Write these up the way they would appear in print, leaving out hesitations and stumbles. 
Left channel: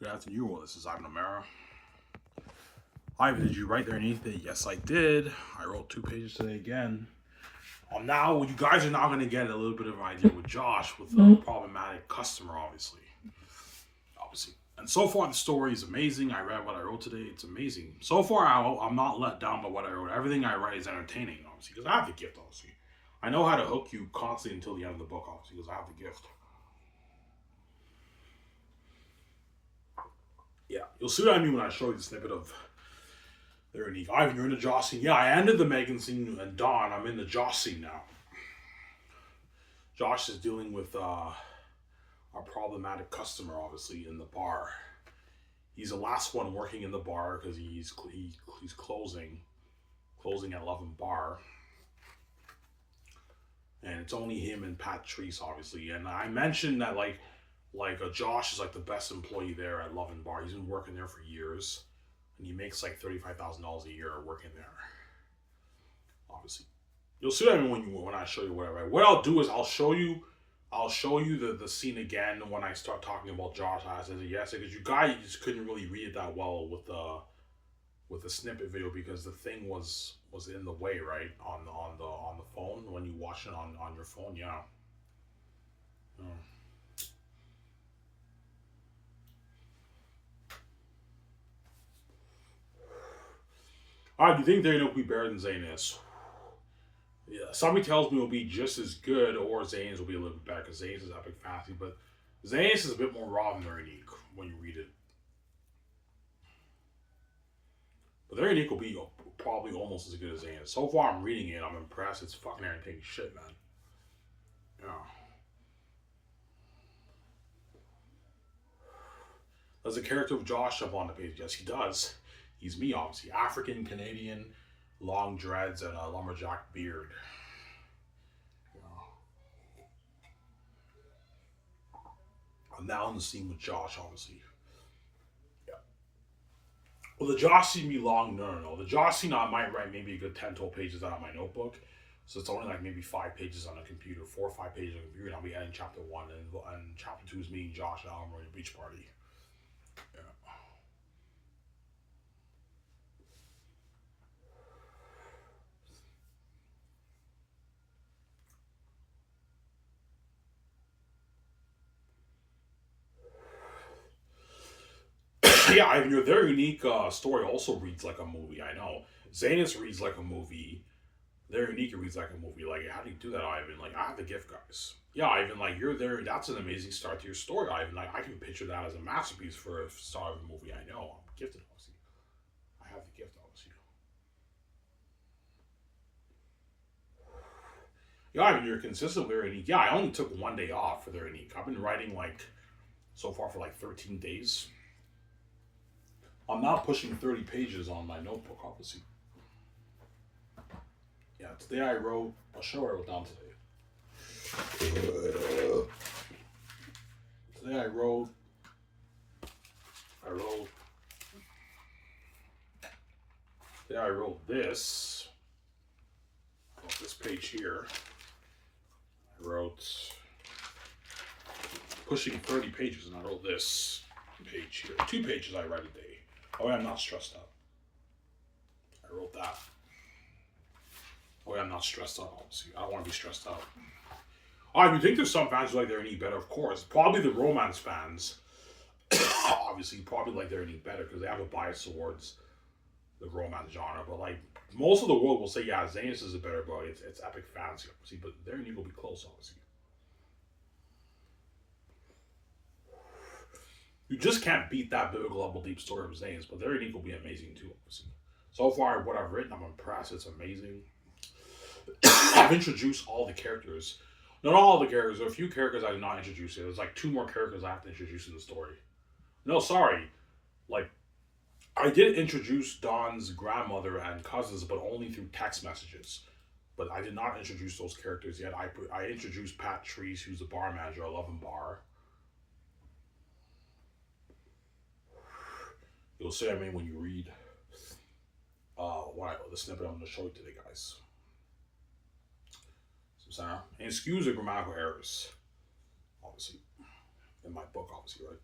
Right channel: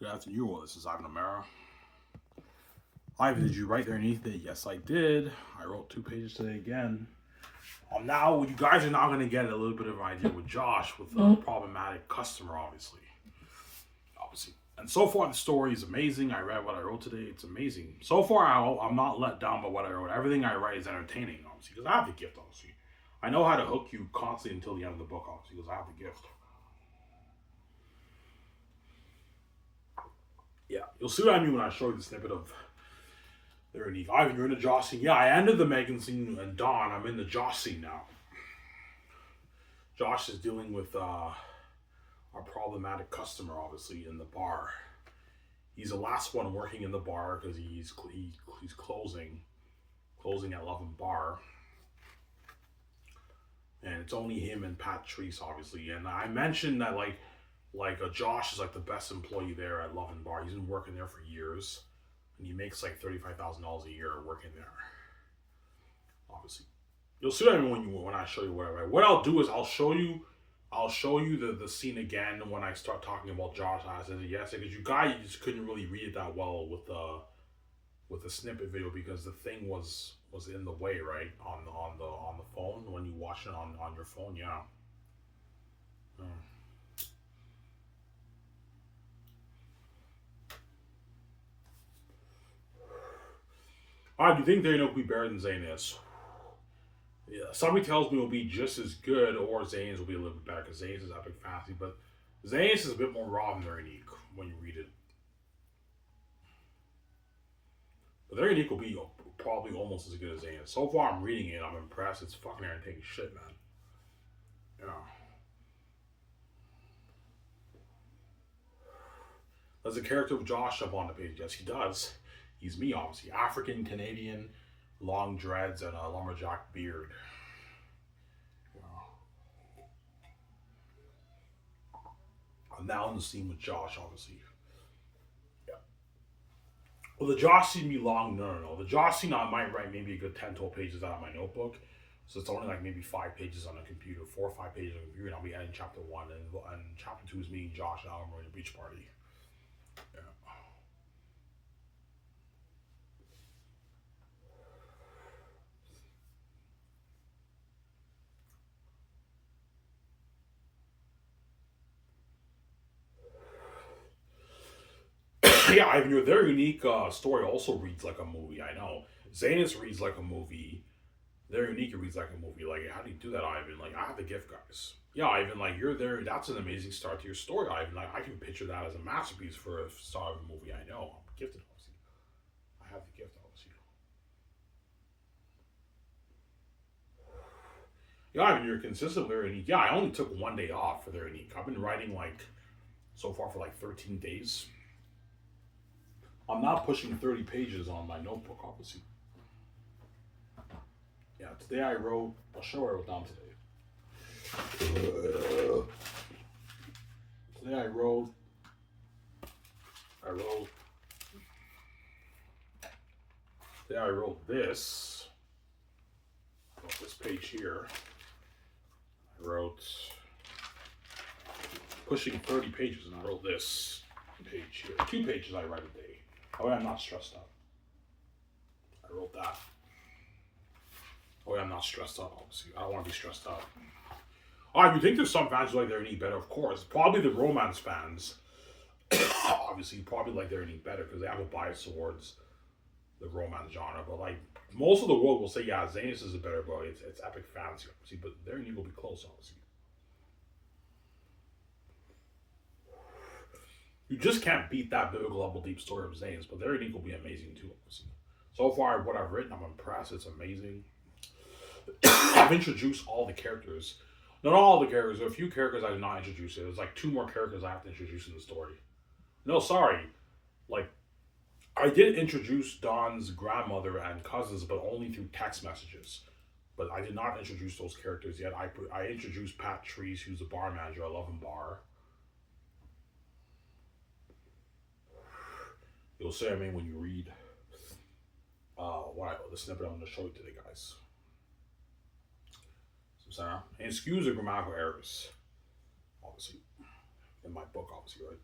Good afternoon. This is Ivan O'Mara. Ivan, did you write there anything? Yes, I did. I wrote 2 pages today again. Now you guys are now going to get a little bit of an idea with Josh with a problematic customer, obviously. And so far, the story is amazing. I read what I wrote today. It's amazing. So far, I'm not let down by what I wrote. Everything I write is entertaining, obviously, because I have the gift, obviously. I know how to hook you constantly until the end of the book, obviously, because I have the gift. Yeah, you'll see what I mean when I show you the snippet of their unique. Ivan, you're in the Joss scene. Yeah, I ended the Megan scene and Dawn. I'm in the Josh scene now. Josh is dealing with a problematic customer, obviously, in the bar. He's the last one working in the bar because he's closing at Love and Bar, and it's only him and Patrice, obviously. And I mentioned that Josh is like the best employee there at Love and Bar. He's been working there for years, and he makes like $35,000 a year working there. Obviously, you'll see what I mean when I show you whatever. What I'll do is I'll show you the scene again when I start talking about Josh. I said yes because you guys just couldn't really read it that well with the snippet video because the thing was in the way, right, on the phone when you watch it on your phone. Yeah. Hmm. Do you think Daniel will be better than Zayn is? Yeah, somebody tells me it'll be just as good, or Zayn's will be a little bit better because Zayn's is epic fantasy, but Zayn's is a bit more raw than their unique when you read it. But their unique will be probably almost as good as Zayn's. So far, I'm reading it. I'm impressed. It's fucking entertaining shit, man. Yeah. Does the character of Josh jump on the page? Yes, he does. He's me, obviously. African Canadian, long dreads, and a lumberjack beard. Yeah. I'm now in the scene with Josh, obviously. Yeah. Well, the Josh scene be long. No. The Josh scene, I might write maybe a good 10, 12 pages out of my notebook. So it's only like maybe 5 pages on the computer, 4 or 5 pages on the computer, and I'll be ending chapter 1. And chapter 2 is me, Josh, and Alan, we're in a beach party. Yeah. Yeah, I mean, their unique story also reads like a movie. I know Zanus reads like a movie. Their unique reads like a movie. Like, how do you do that, Ivan? Like, I have the gift, guys. Yeah, Ivan. Like, you're there. That's an amazing start to your story, Ivan. Like, I can picture that as a masterpiece for a star of a movie. I know. I'm gifted, obviously. I have the gift, obviously. Yeah, Ivan, you're consistent with their unique. Yeah, I only took 1 day off for their unique. I've been writing like so far for like 13 days. I'm not pushing 30 pages on my notebook, obviously. Yeah, today I wrote. I'll show what I wrote down today. Today I wrote. Today I wrote this. I wrote this page here. I wrote pushing 30 pages, and I wrote this page here. 2 pages I write a day. Oh, yeah, I'm not stressed out. I wrote that. Oh, yeah, I'm not stressed out, obviously. I don't want to be stressed out. You think there's some fans who like their knee better? Of course. Probably the romance fans. Obviously, probably like their knee better because they have a bias towards the romance genre. But like most of the world will say, yeah, Zanus is a better book. It's epic fantasy, obviously. But their knee will be close, obviously. You just can't beat that biblical level deep story of Zanus. But their unique will be amazing too, obviously. So far, what I've written, I'm impressed. It's amazing. I've introduced all the characters. Not all the characters. There are a few characters I did not introduce. There's like 2 more characters I have to introduce in the story. No, sorry. Like, I did introduce Don's grandmother and cousins, but only through text messages. But I did not introduce those characters yet. I introduced Pat Treese, who's the bar manager at Love and Bar. You'll see, I mean, when you read the snippet I'm going to show you today, guys. So, and excuse the grammatical errors, obviously, in my book, obviously, right?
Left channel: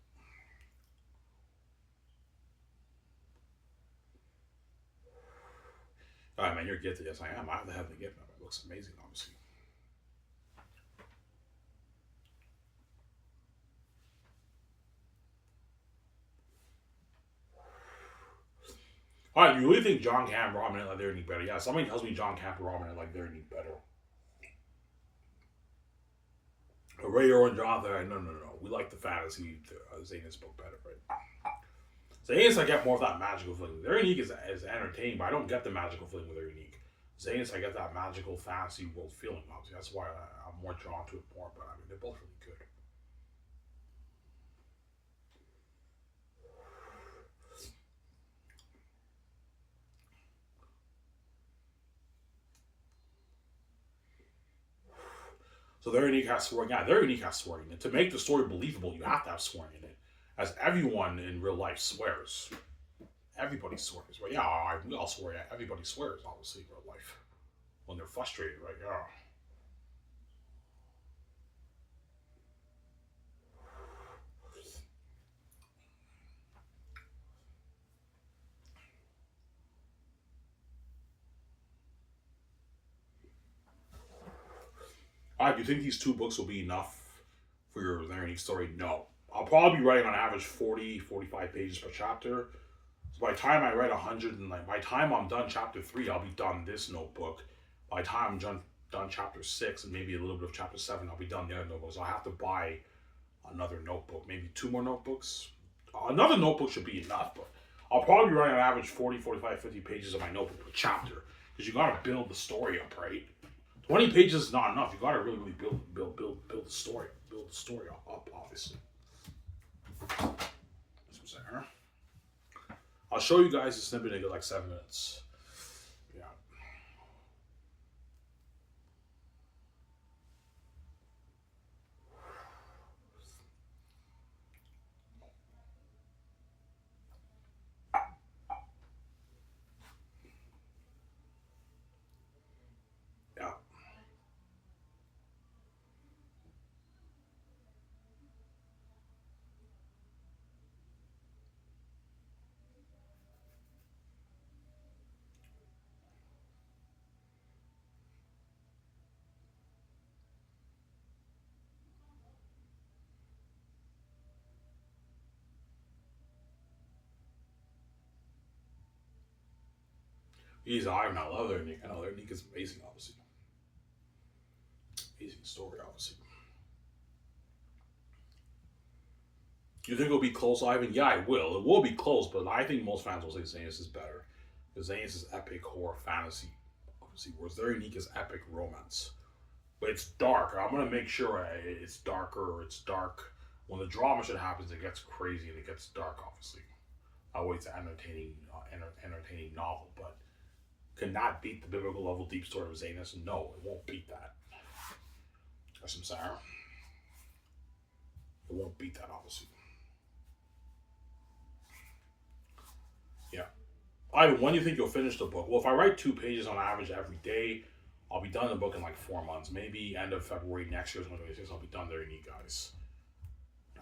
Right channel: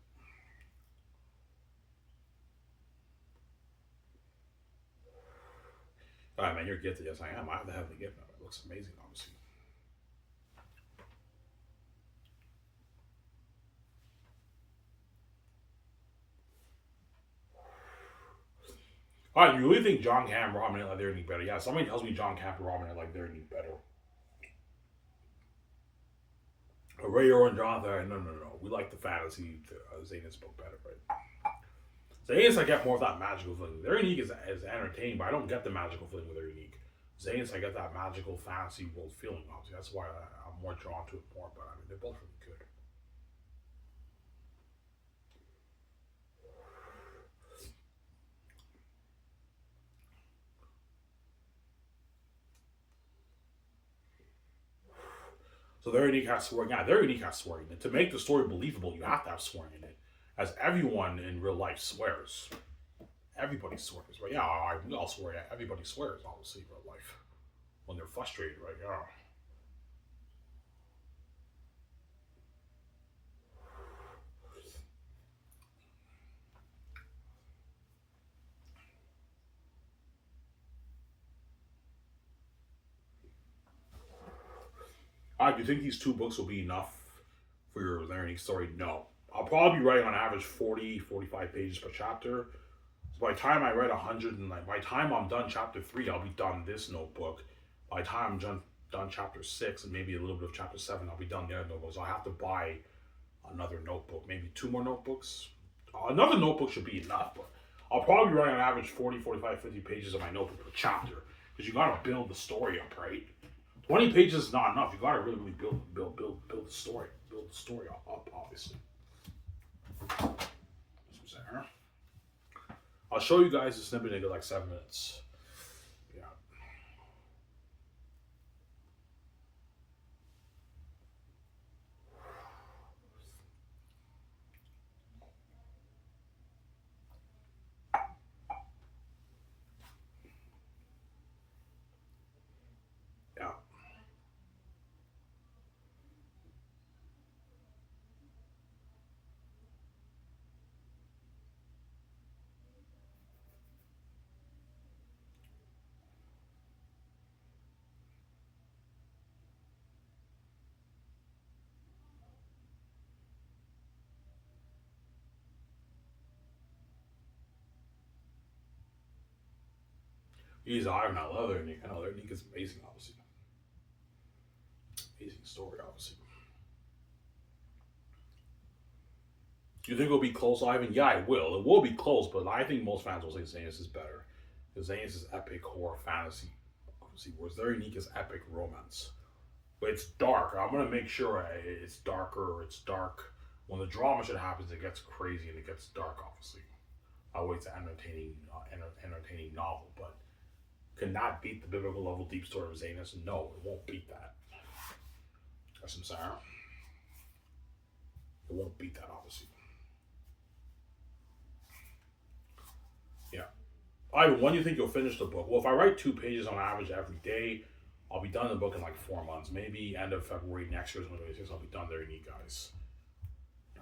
All right, man, you're gifted. Yes, I am. I have to have the gift. It looks amazing, obviously. All right, you really think John Camp, Robin, like they're any better? Yeah, somebody tells me John Camp and Robin like they're any better. Ray or Jonathan, no, no, no. We like the fantasy Zanus book better, right? Zanus, I get more of that magical feeling. Their unique is entertaining, but I don't get the magical feeling with their unique. Zanus, I get that magical fantasy world feeling. Obviously, that's why I'm more drawn to it more. But I mean, they're both really good. So their unique has swearing. Yeah, their unique has swearing. And to make the story believable, you have to have swearing in it, as everyone in real life swears. Everybody swears, right? Yeah, I'll swear. Yeah, everybody swears, obviously, in real life when they're frustrated, right? Yeah. Do you think these two books will be enough for your learning story? No. I'll probably be writing on average 40, 45 pages per chapter. So by the time I write 100 and like by the time I'm done chapter 3, I'll be done this notebook. By the time I'm done chapter 6 and maybe a little bit of chapter 7, I'll be done the other notebook. So I have to buy another notebook, maybe two more notebooks. Another notebook should be enough, but I'll probably be writing on average 40, 45, 50 pages of my notebook per chapter because you got to build the story up, right? 20 pages is not enough. You got to really, really build the story, build the story up obviously. I'll show you guys a snippet in like 7 minutes. Yeah. Yeah. He's Ivan. I love their Nick. I know their Nick is amazing, obviously. Amazing story, obviously. Do you think it'll be close, Ivan? Yeah, it will. It will be close, but I think most fans will say Zanus is better. Because Zanus is epic horror fantasy, obviously, whereas their unique is epic romance. But it's dark. I'm gonna make sure it's darker. It's dark. When the drama shit happens, it gets crazy and it gets dark. Obviously, I always an entertaining novel, but cannot beat the biblical level deep story of Zanus. No, it won't beat that. That's what I'm saying. It won't beat that, obviously. Yeah. Ivan, when do you think you'll finish the book? Well, if I write 2 pages on average every day, I'll be done the book in like 4 months. Maybe end of February next year, 2026, I'll be done there, you guys.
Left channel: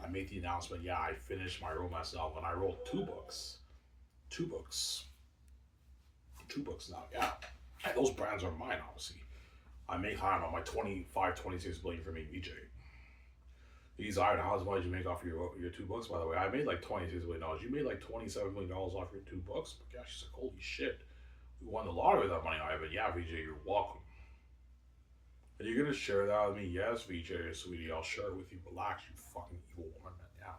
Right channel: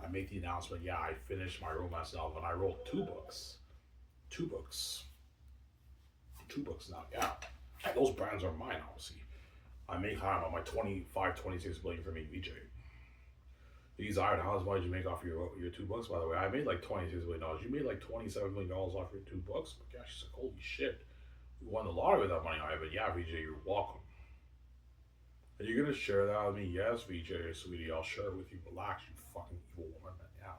I made the announcement. Yeah, I finished my romance novel, and I wrote 2 books. 2 books. 2 books now. Yeah, and those brands are mine, obviously. I make, I don't know, my 25, 26 billion for me, VJ. These are how much did you make off your 2 books? By the way, I made like $26 million. You made like $27 million off your 2 books. But gosh, she's like, holy shit, we won the lottery with that money. I but yeah, VJ, you're welcome. Are you gonna share that with me? Yes, VJ, sweetie, I'll share it with you. Relax, you fucking evil woman. Yeah.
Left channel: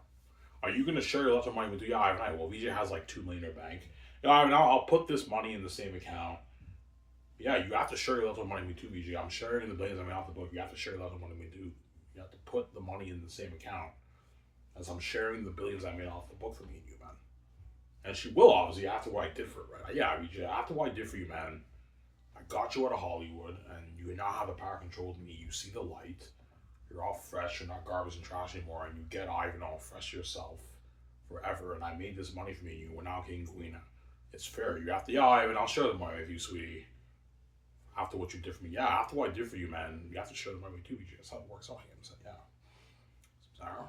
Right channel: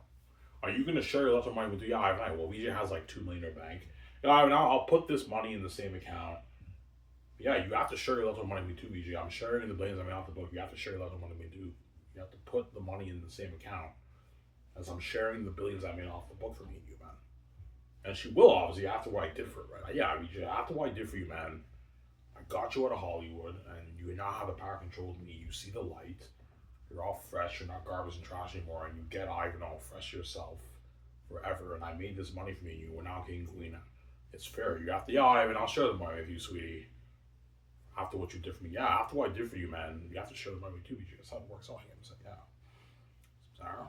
Are you gonna share your left money with you? Yeah, I well, VJ has like 2 million in her bank. Yeah, I'll put this money in the same account. Yeah, you have to share your left money with me too, VJ. I'm sharing the billions I made off the book. You have to share your left money with me too. You have to put the money in the same account as I'm sharing the billions I made off the book for me and you, man. And she will obviously after what I did for her, right? Yeah, VJ, after what I did for you, man. I got you out of Hollywood, and you now have the power control of me. You see the light. You're all fresh. You're not garbage and trash anymore, and you get Ivan all fresh yourself forever. And I made this money for me, and you were now king and queen. It's fair. You have to, yeah, Ivan, I'll share the money with you, sweetie. After what you did for me, yeah. After what I did for you, man, you have to share the money with you. That's how it works out. So, yeah. Sarah.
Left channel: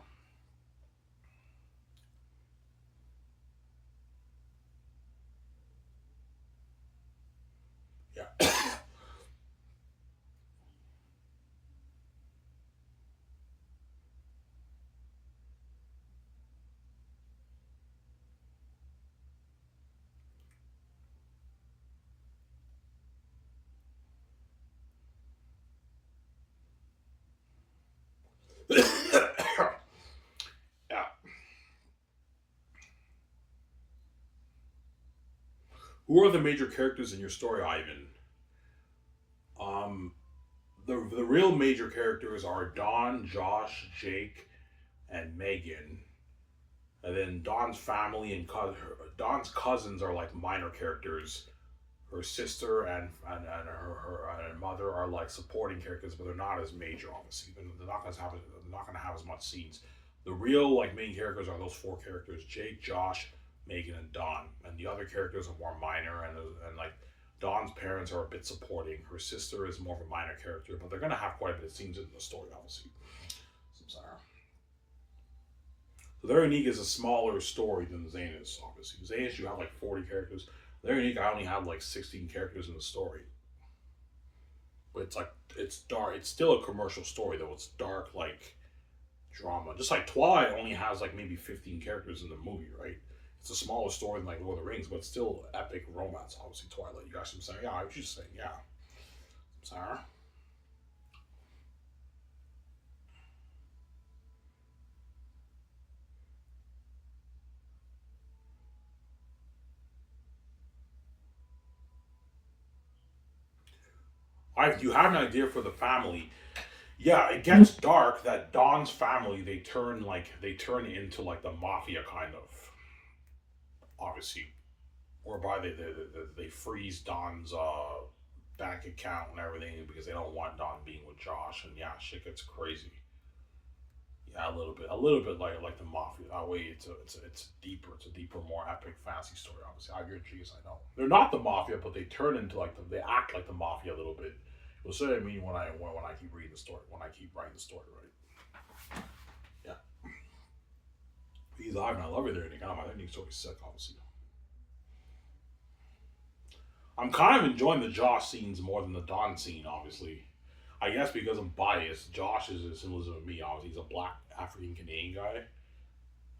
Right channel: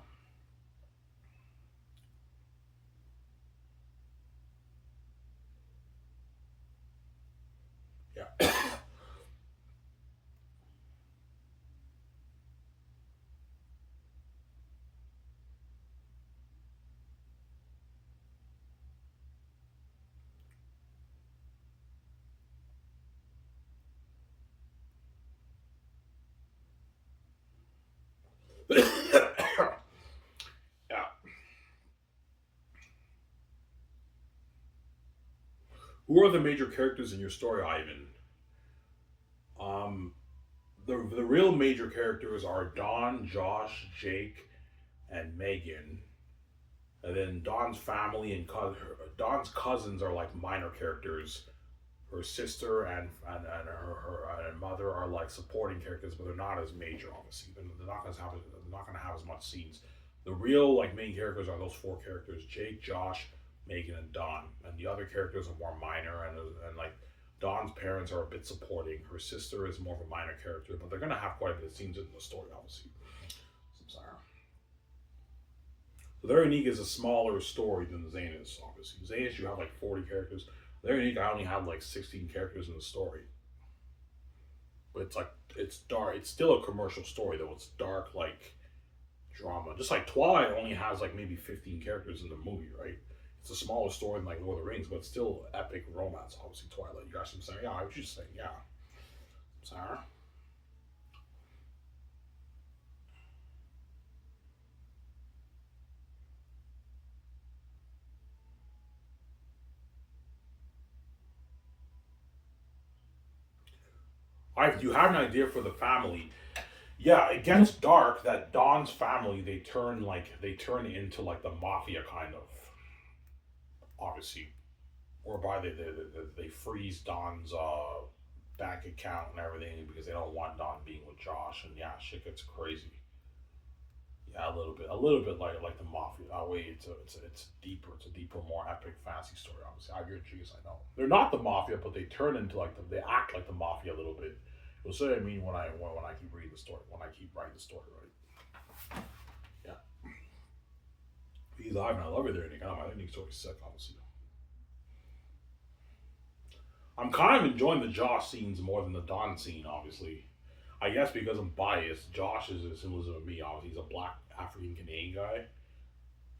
Yeah. Who are the major characters in your story, Ivan? Um, the real major characters are Don, Josh, Jake, and Megan. And then Don's family and Don's cousins are like minor characters. Her sister and her mother are like supporting characters, but they're not as major. Obviously, they're not gonna have as much scenes. The real like main characters are those four characters: Jake, Josh, Megan, and Don. And the other characters are more minor, and like Don's parents are a bit supporting. Her sister is more of a minor character, but they're gonna have quite a bit of scenes in the story, obviously. So, so Their Unique is a smaller story than Zanus, obviously. Zanus, you have like 40 characters. Their Unique, I only have like 16 characters in the story. But it's like, it's dark. It's still a commercial story, though. It's dark, like drama. Just like Twilight only has like maybe 15 characters in the movie, right? It's a smaller story than like Lord of the Rings, but it's still epic romance, obviously, Twilight. You guys, I'm saying? Yeah, I was just saying, yeah. Sarah? Do you have an idea for the family? Yeah, it gets dark that Don's family they turn into like the mafia kind of obviously, whereby they freeze Don's bank account and everything because they don't want Don being with Josh, and yeah, shit gets crazy. Yeah, a little bit like the mafia. That way, it's deeper. It's a deeper, more epic fantasy story. Obviously, I agree with you. I know they're not the mafia, but they turn into they act like the mafia a little bit. You'll see what I mean when I keep reading the story, when I keep writing the story, right? Yeah, he's live, and I love it. There, I think my ending story's sick. Obviously, I'm kind of enjoying the Josh scenes more than the Don scene. Obviously, I guess because I'm biased. Josh is a symbolism of me. Obviously, he's a black African Canadian guy.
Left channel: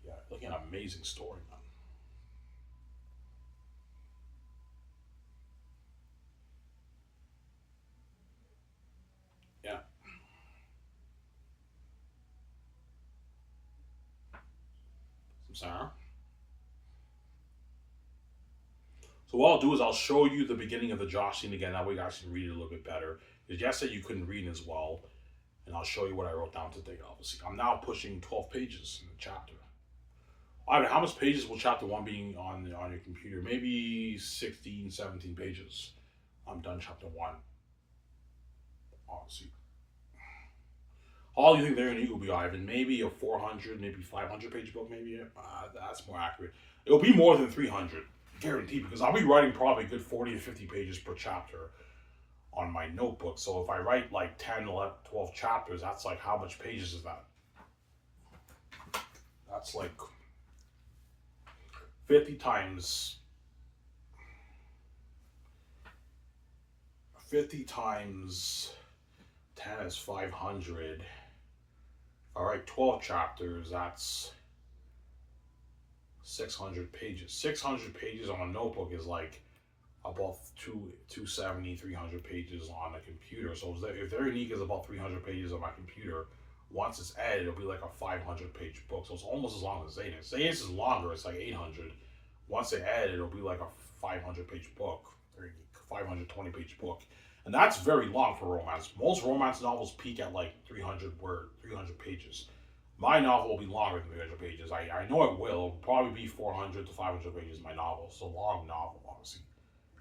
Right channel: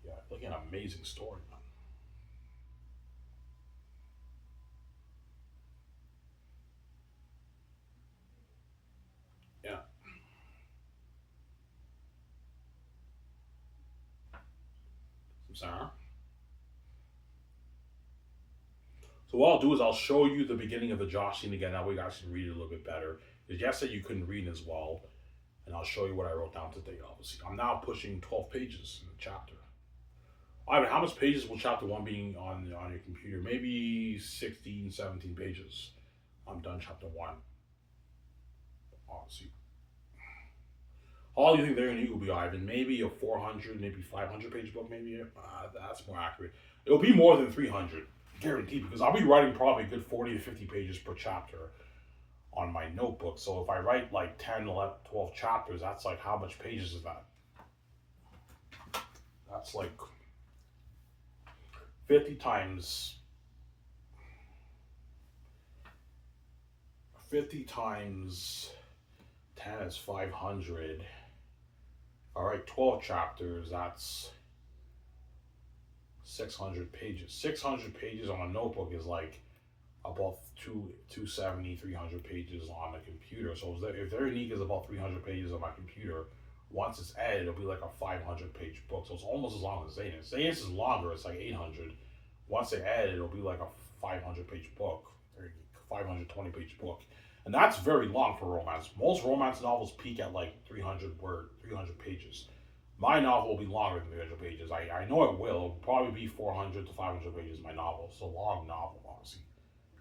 Yeah, like an amazing story, man. Yeah, I'm sorry. So what I'll do is I'll show you the beginning of the Josh scene again. That way you guys can read it a little bit better. Because Jess said you couldn't read as well, and I'll show you what I wrote down today. Obviously, I'm now pushing 12 pages in the chapter. I mean, how much pages will chapter one being on your computer? Maybe 16, 17 pages. I'm done chapter one. Obviously, all you think they're gonna equal be Ivan? Maybe a 400, maybe 500 page book. Maybe that's more accurate. It'll be more than 300, guaranteed, because I'll be writing probably a good 40 to 50 pages per chapter on my notebook. So if I write like 10, 11, 12 chapters, that's like how much pages is that? That's like 50 times 50 times 10 is 500. All right, 12 chapters, that's 600 pages. 600 pages on a notebook is like about 270, 300 pages on a computer. So if their unique is about 300 pages on my computer, once it's edited, it'll be like a 500-page book. So it's almost as long as Zanus. Zanus is longer, it's like 800. Once they edit, it'll be like a 500-page book, or 520-page book. And that's very long for romance. Most romance novels peak at like 300 pages. My novel will be longer than 300 pages. I know it will. It'll probably be 400 to 500 pages. My novel. It's a long novel, obviously.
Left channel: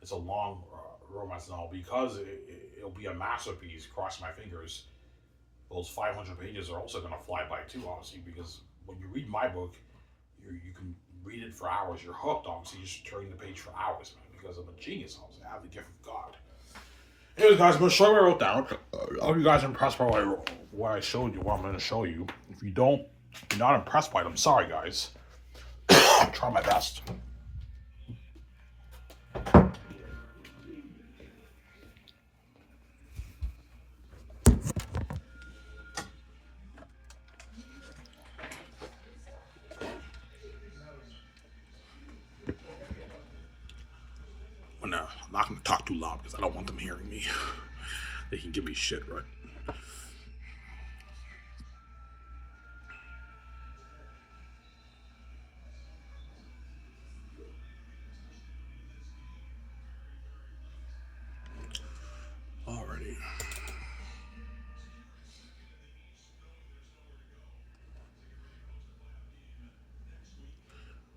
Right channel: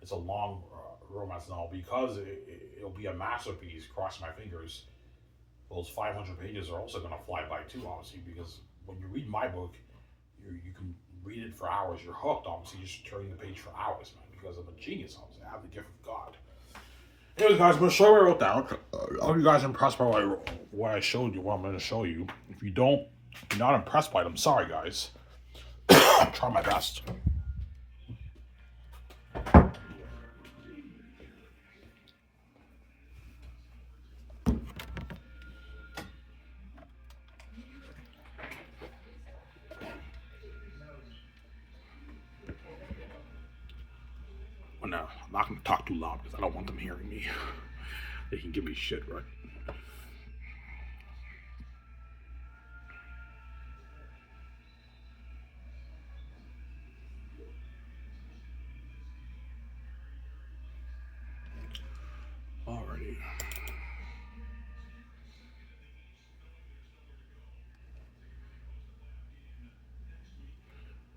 It's a long romance novel because it'll be a masterpiece. Cross my fingers. Those 500 pages are also going to fly by too, obviously, because when you read my book, you can read it for hours. You're hooked, obviously. You're just turning the page for hours, man, because I'm a genius, obviously. I have the gift of God. Anyways, guys, I'm going to show you what I wrote down. I hope you guys are impressed by what I showed you, what I'm going to show you. If you don't, if you're not impressed by it, I'm sorry, guys. I'll try my best. I'm not going to talk too loud because I don't want them hearing me. They can give me shit, right?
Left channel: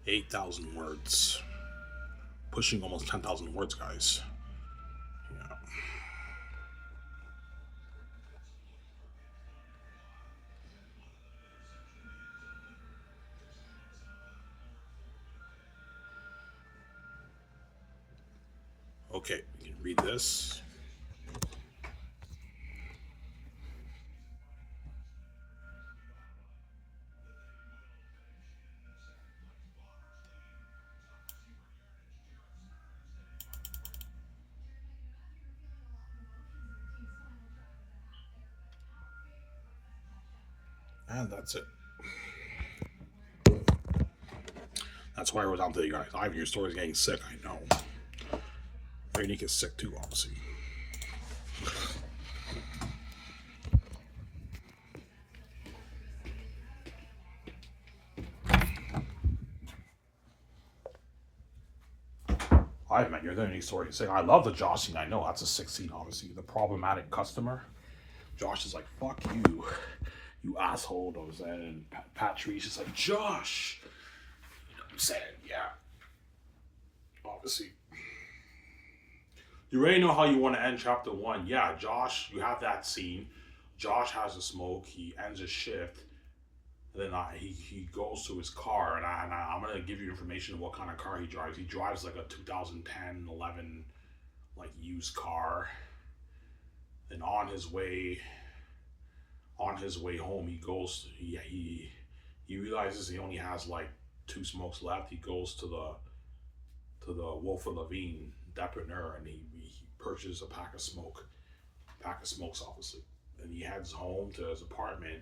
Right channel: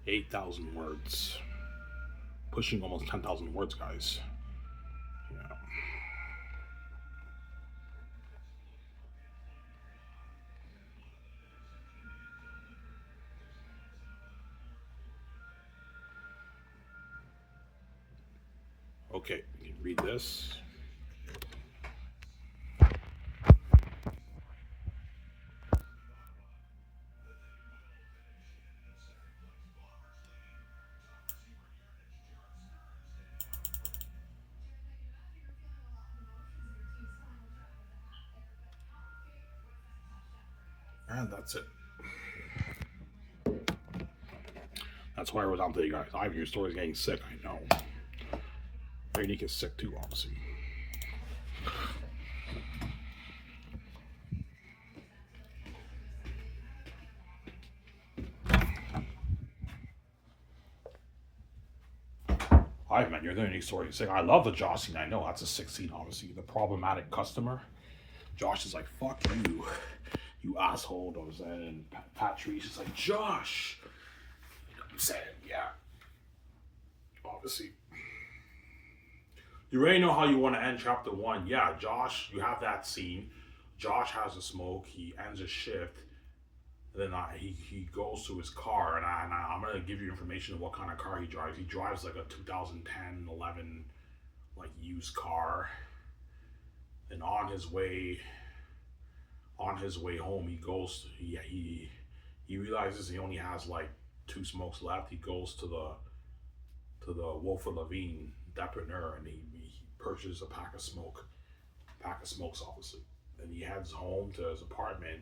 8,000 words. Pushing almost 10,000 words, guys. Yeah. Okay, we can read this. And that's it. That's why I wrote down to you guys. Ivan, your story's getting sick, I know. Very Unique is sick too, obviously. Ivan, your Very Unique story is sick. I love the Josh scene, I know. That's a sick scene, obviously. The problematic customer. Josh is like, fuck you, you asshole, you know what I'm saying? And Patrice is like, Josh. You know what I'm saying? Yeah. Obviously. You already know how you want to end chapter one. Yeah, Josh, you have that scene. Josh has a smoke. He ends his shift. Then he goes to his car, and I'm going to give you information of what kind of car he drives. He drives like a 2010, 11, like used car. And on his way home, he realizes he only has like 2 smokes left. He goes to the Wilford Levine depanneur, and he purchases a pack of smokes, obviously. And he heads home to his apartment,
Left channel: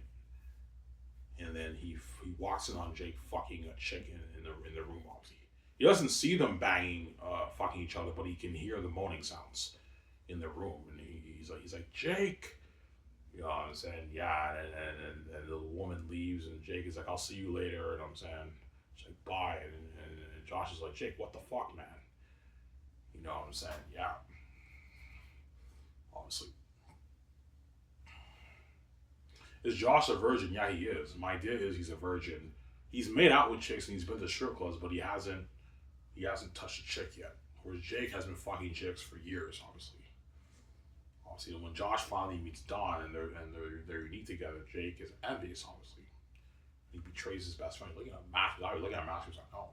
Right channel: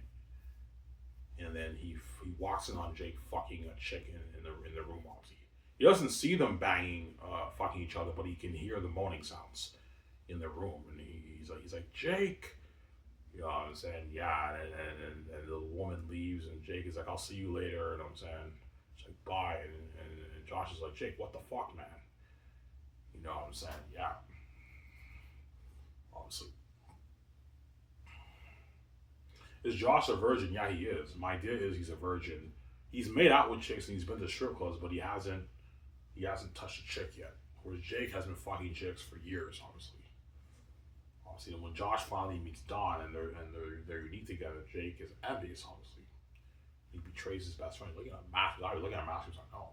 and then he walks in on Jake fucking a chick in the room, obviously. He doesn't see them banging, fucking each other, but he can hear the moaning sounds in the room, and he's like Jake. You know what I'm saying? Yeah, and the woman leaves, and Jake is like, I'll see you later, and I'm saying, she's like, bye, and Josh is like, Jake, what the fuck, man? You know what I'm saying? Yeah. Obviously. Is Josh a virgin? Yeah, he is. My idea is he's a virgin. He's made out with chicks and he's been to strip clubs, but he hasn't touched a chick yet. Whereas Jake has been fucking chicks for years, obviously. Obviously, when Josh finally meets Dawn and they're unique together, Jake is envious, obviously. He betrays his best friend. Looking at Matthews, I was looking at Matthews like, no.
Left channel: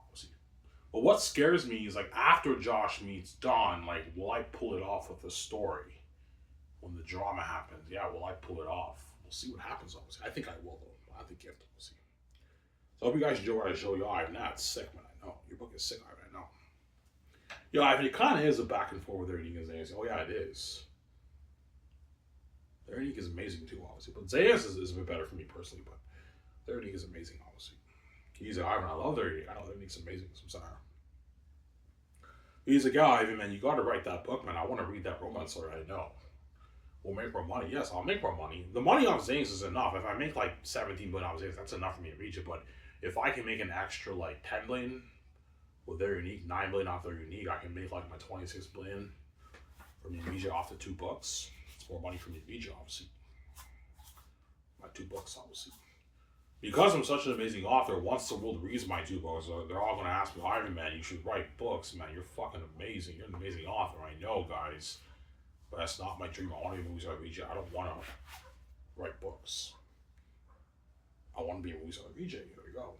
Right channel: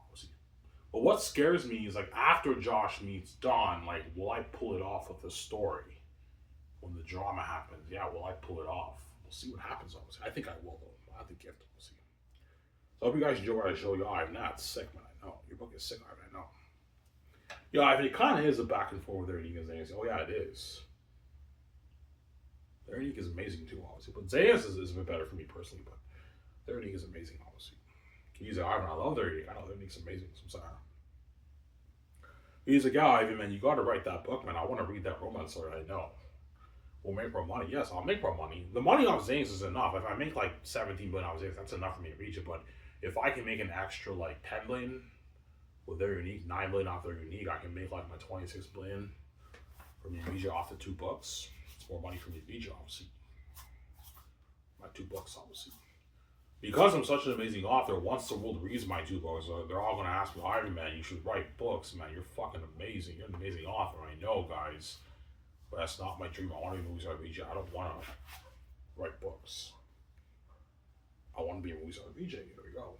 Obviously. But what scares me is like after Josh meets Dawn, like, will I pull it off with the story? When the drama happens, yeah, will I pull it off? We'll see what happens, obviously. I think I will, though. I have the gift, we'll see. So I hope you guys enjoy what I show you. Ivan, that's sick, man. I know. Your book is sick, Ivan, I know. Yeah, Ivan, it kind of is a back and forth with Ernie and Zayas. Oh, yeah, it is. Ernie is amazing, too, obviously. But Zayas is a bit better for me personally, but Ernie is amazing, obviously. He's like, Ivan, I love Ernie. I know Ernie's amazing. So I'm sorry. He's like, yeah, Ivan, man, you got to write that book, man. I want to read that romance story. I know. We'll make more money. Yes, I'll make more money. The money off Zanes is enough. If I make like 17 million off Zanes, that's enough for me to reach it. But if I can make an extra like 10 million with their unique, 9 million off their unique, I can make like my 26 million from Indonesia off the 2 books. It's more money from Indonesia, obviously. My 2 books, obviously. Because I'm such an amazing author, once the world reads my 2 books, they're all going to ask me, Ivan, man, you should write books, man. You're fucking amazing. You're an amazing author. I know, guys. But that's not my dream. I want to be movies out of VJ. I don't want to write books. I want to be a movies out of VJ. There we go.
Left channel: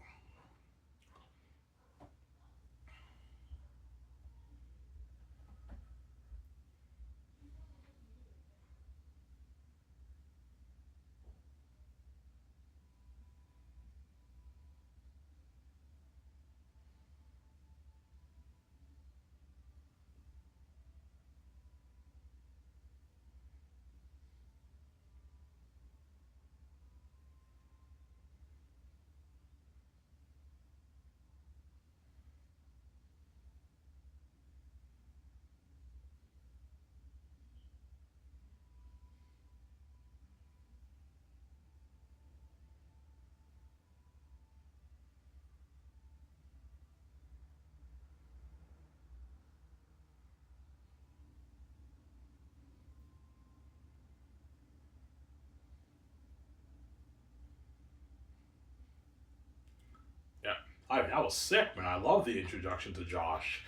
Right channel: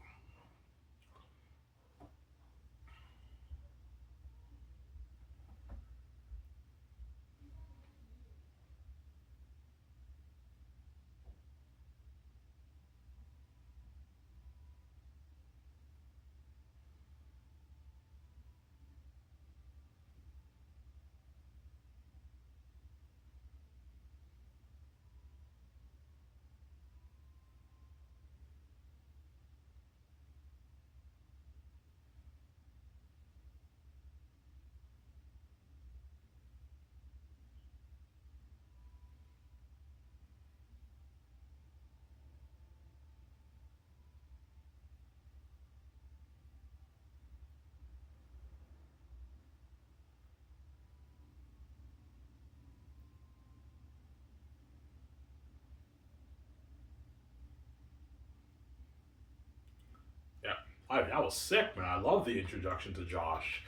that was sick, man. I love the introduction to Josh.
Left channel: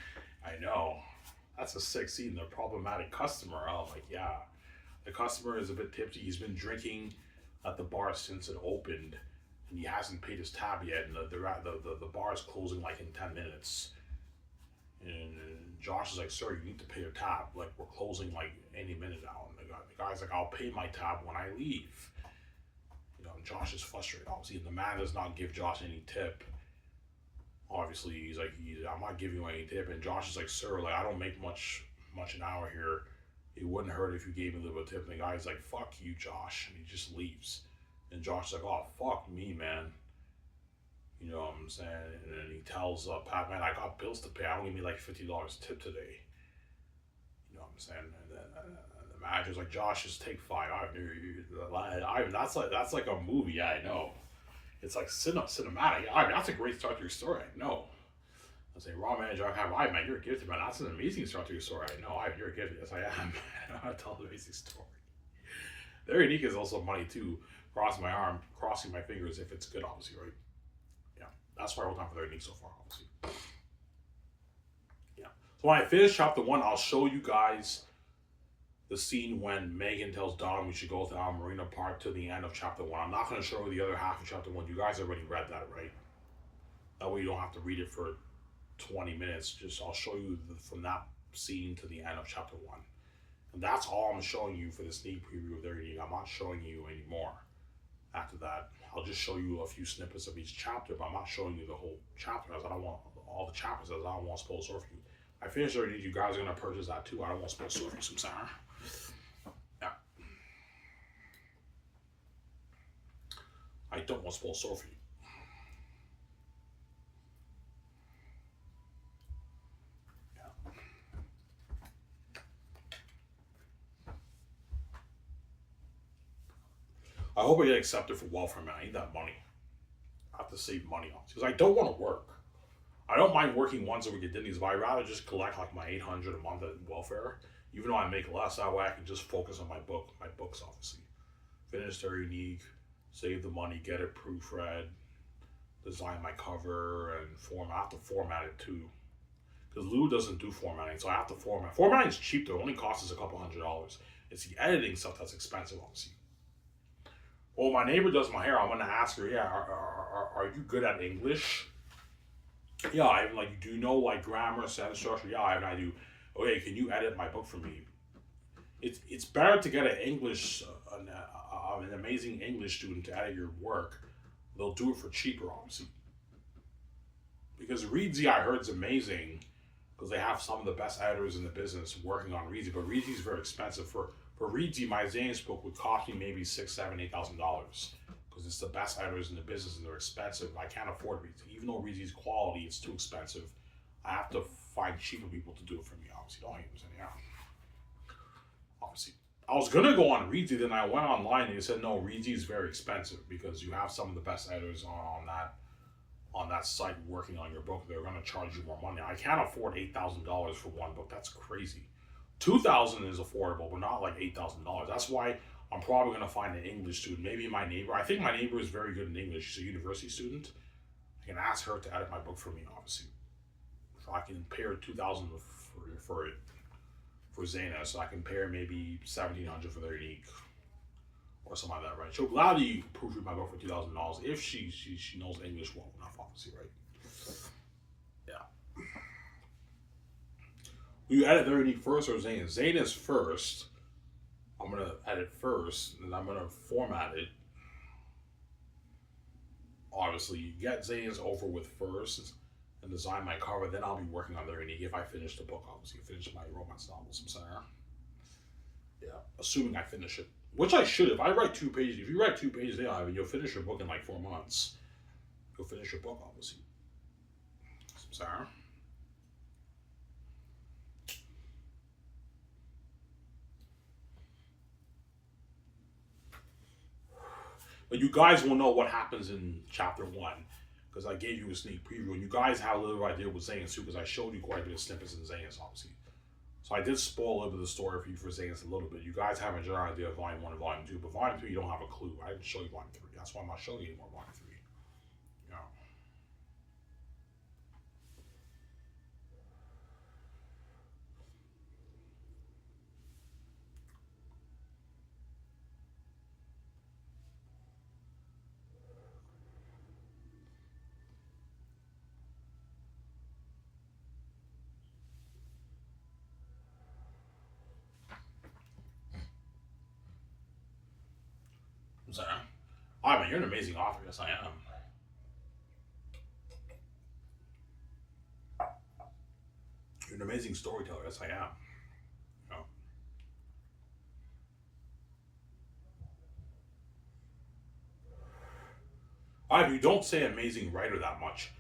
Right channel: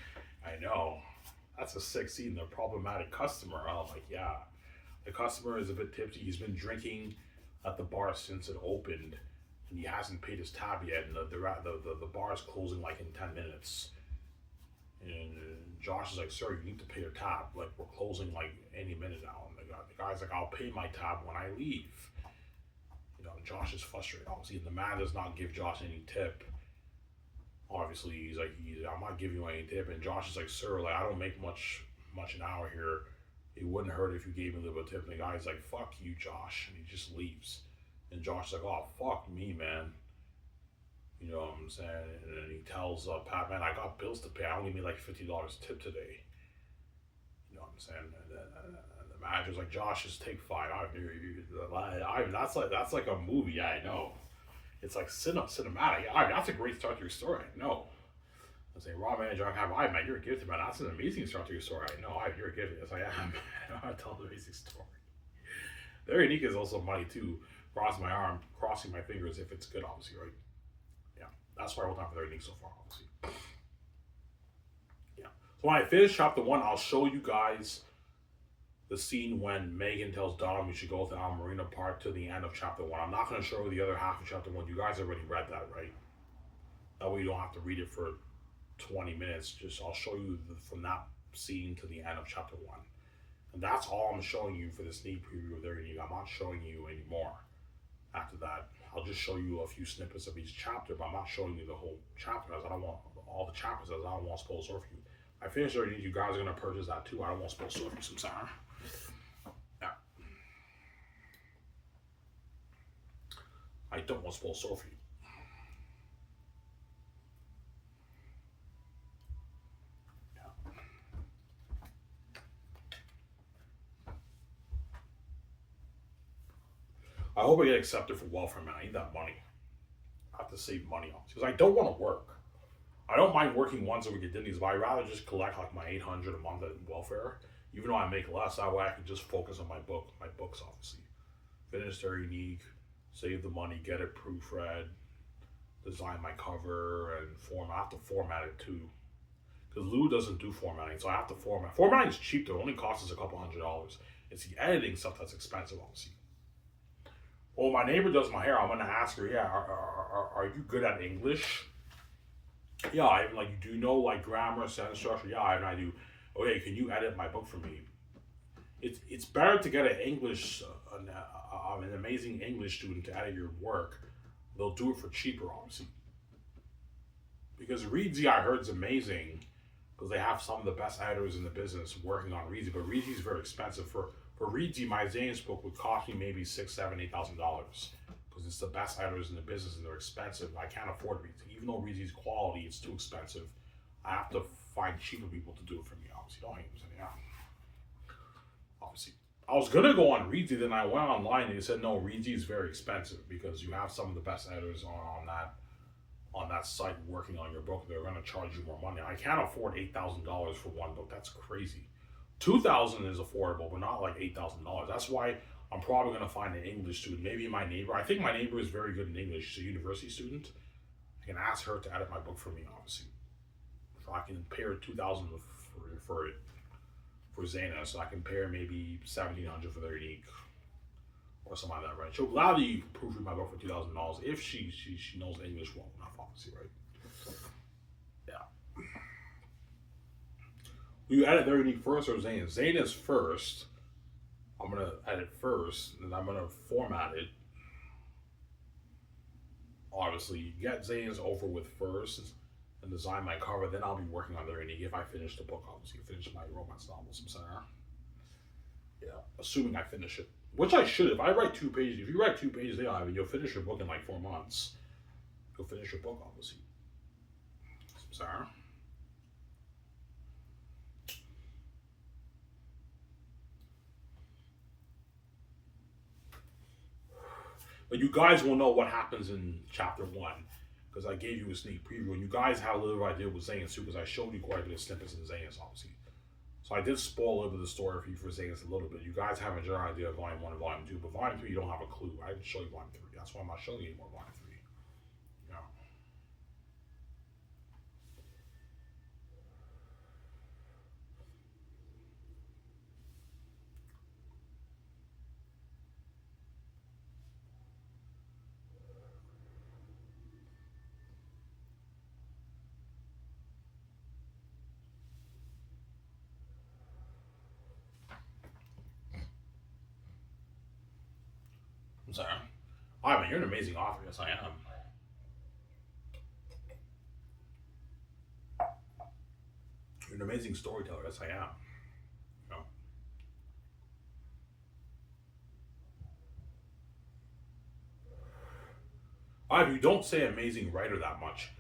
I know. That's a sick scene. The problematic customer. I'm like, yeah. The customer is a bit tipsy. He's been drinking at the bar since it opened, and he hasn't paid his tab yet. And the bar is closing like in 10 minutes. And Josh is like, "Sir, you need to pay your tab. Like we're closing like any minute now." And the guy's like, "I'll pay my tab when I leave." Josh is frustrated. Obviously, the man does not give Josh any tip. Obviously, he's like, "I'm not giving you any tip." And Josh is like, "Sir, like I don't make much an hour here. It wouldn't hurt if you gave me a little bit of tip." And the guy's like, "Fuck you, Josh," and he just leaves. And Josh is like, "Oh, fuck me, man." You know what I'm saying? And then he tells Pat, "Man, I got bills to pay. I only made like $50 tip today." You know what I'm saying? And then the manager's like, "Josh, just take five." That's like a movie. I know. It's like cinematic. That's a great start to your story. I know. I say, "Raw manager, man, you're gifted, man. That's an amazing start to your story." I know, you're gifted. Yes, I am. I know how to tell an amazing story. Very unique is also money too. Crossing my arm, crossing my fingers if it's good, obviously, right? Yeah, that's why I hold on for very unique so far, obviously. Yeah. So when I finish chapter one, I'll show you guys the scene when Megan tells Dom we should go to Al Marina Park to the end of chapter one. I'm not going to show you the other half of chapter one. You guys already read that, right? That way you don't have to read it for 20 minutes. Just I'll show you from that scene to the end of chapter one. And that's all I'm showing you for the sneak preview of their eating. I'm not showing you anymore. After that, I'll just show you a few snippets of each chapter, but I'm not showing you the whole chapter as I don't want all the chapters as I don't want to spoil story for you. I finished already. You guys are going to purchase that too. I don't want to spoil story for you some Sarah. Yeah. I don't want to spoil story for you. I hope I get accepted for welfare, man. I need that money. I have to save money on because I don't want to work. I don't mind working once a week at Disney's, but I'd rather just collect like my $800 a month at welfare, even though I make less. That way I can just focus on my books, obviously. Finish their unique, save the money, get it proofread, design my cover, and format. I have to format it too. Because Lou doesn't do formatting, so I have to format. Formatting is cheap though, it only costs us a couple $100. It's the editing stuff that's expensive, obviously. Well, my neighbor does my hair. I'm gonna ask her, yeah, are you good at English? Yeah, I even like. Do you know like grammar, sentence structure? Yeah, I do. Okay, can you edit my book for me? It's better to get an amazing English student to edit your work. They'll do it for cheaper, obviously. Because Reedsy, I heard, is amazing because they have some of the best editors in the business working on Reedsy. But Reedsy is very expensive. For Reedsy, my Zane's book would cost me maybe $6,000, $7,000, because it's the best editors in the business and they're expensive. I can't afford Reedsy. Even though Reedsy's quality, it's too expensive. I have to find cheaper people to do it for me. Obviously, don't hate me. Yeah. Obviously, I was gonna go on Reedsy, then I went online and they said no, Reedsy is very expensive because you have some of the best editors on that site working on your book. They're gonna charge you more money. I can't afford $8,000 for one book. That's crazy. $2,000 is affordable, but not like $8,000. That's why I'm probably gonna find an English student. Maybe my neighbor. I think my neighbor is very good in English. She's a university student. I can ask her to edit my book for me, obviously. So I can pay her $2,000 for Zana. So I can pay her maybe $1,700 for their unique or something like that, right? She'll gladly proofread my book for $2,000 if she knows English well enough, obviously, right? Yeah. You edit their unique first or Zane? Zane is first. I'm gonna edit first, and I'm gonna format it. Obviously, you get Zane's over with first and design my cover. Then I'll be working on their unique if I finish the book. Obviously, finish my romance novel, some center. Yeah, assuming I finish it, which I should. If I write 2 pages, if you write 2 pages, yeah, I mean, you'll finish your book in like 4 months. You'll finish your book, obviously. Some center. But you guys will know what happens in chapter 1 because I gave you a sneak preview, and you guys have a little idea with Zayn too because I showed you quite a bit of snippets in Zayn's, obviously. So I did spoil a little bit of the story for you for Zayn's a little bit. You guys have a general idea of Volume 1 and Volume 2, but Volume 3 you don't have a clue. I didn't show you Volume 3. That's why I'm not showing you anymore Volume 3. You know. I'm sorry. I mean, you're an amazing author. Yes, I am. You're an amazing storyteller. Yes, I am. You know? You don't say amazing writer that much.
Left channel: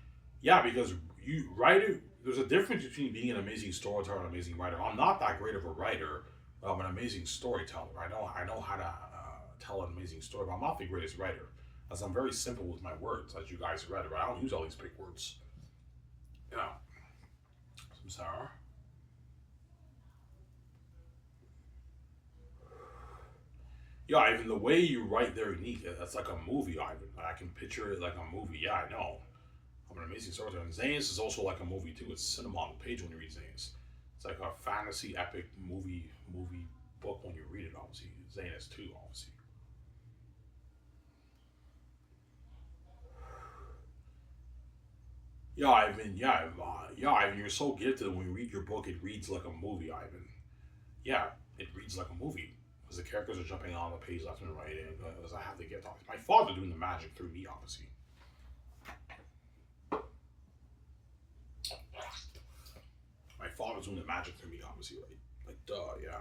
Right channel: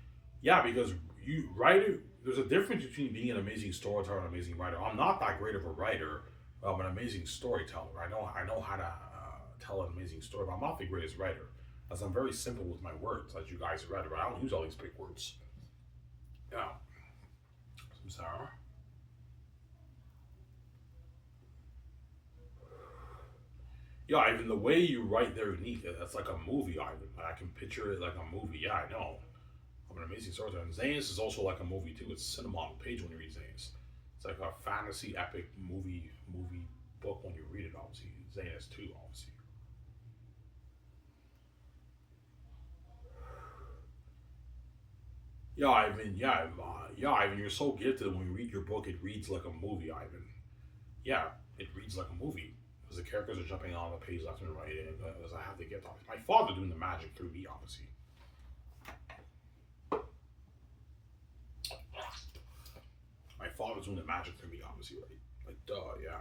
Yeah, because you writer. There's a difference between being an amazing storyteller and an amazing writer. I'm not that great of a writer. I'm an amazing storyteller. I know how to tell an amazing story, but I'm not the greatest writer. As I'm very simple with my words, as you guys read, but I don't use all these big words. You know, I'm sorry. Yeah, Ivan, the way you write there, neat. That's like a movie, Ivan. I can picture it like a movie. Yeah, I know. I'm an amazing storyteller. And Zanus is also like a movie too. It's cinema on the page when you read Zanus. It's like a fantasy epic movie book when you read it. Obviously, Zanus too. Obviously. Yeah, Ivan. Yeah, yeah, Ivan. You're so gifted. When you read your book, it reads like a movie, Ivan. Yeah, it reads like a movie because the characters are jumping on the page left and right, and as I have the gift. My father doing the magic through me, obviously. My father's doing the magic through me, obviously, right? Like, duh, yeah.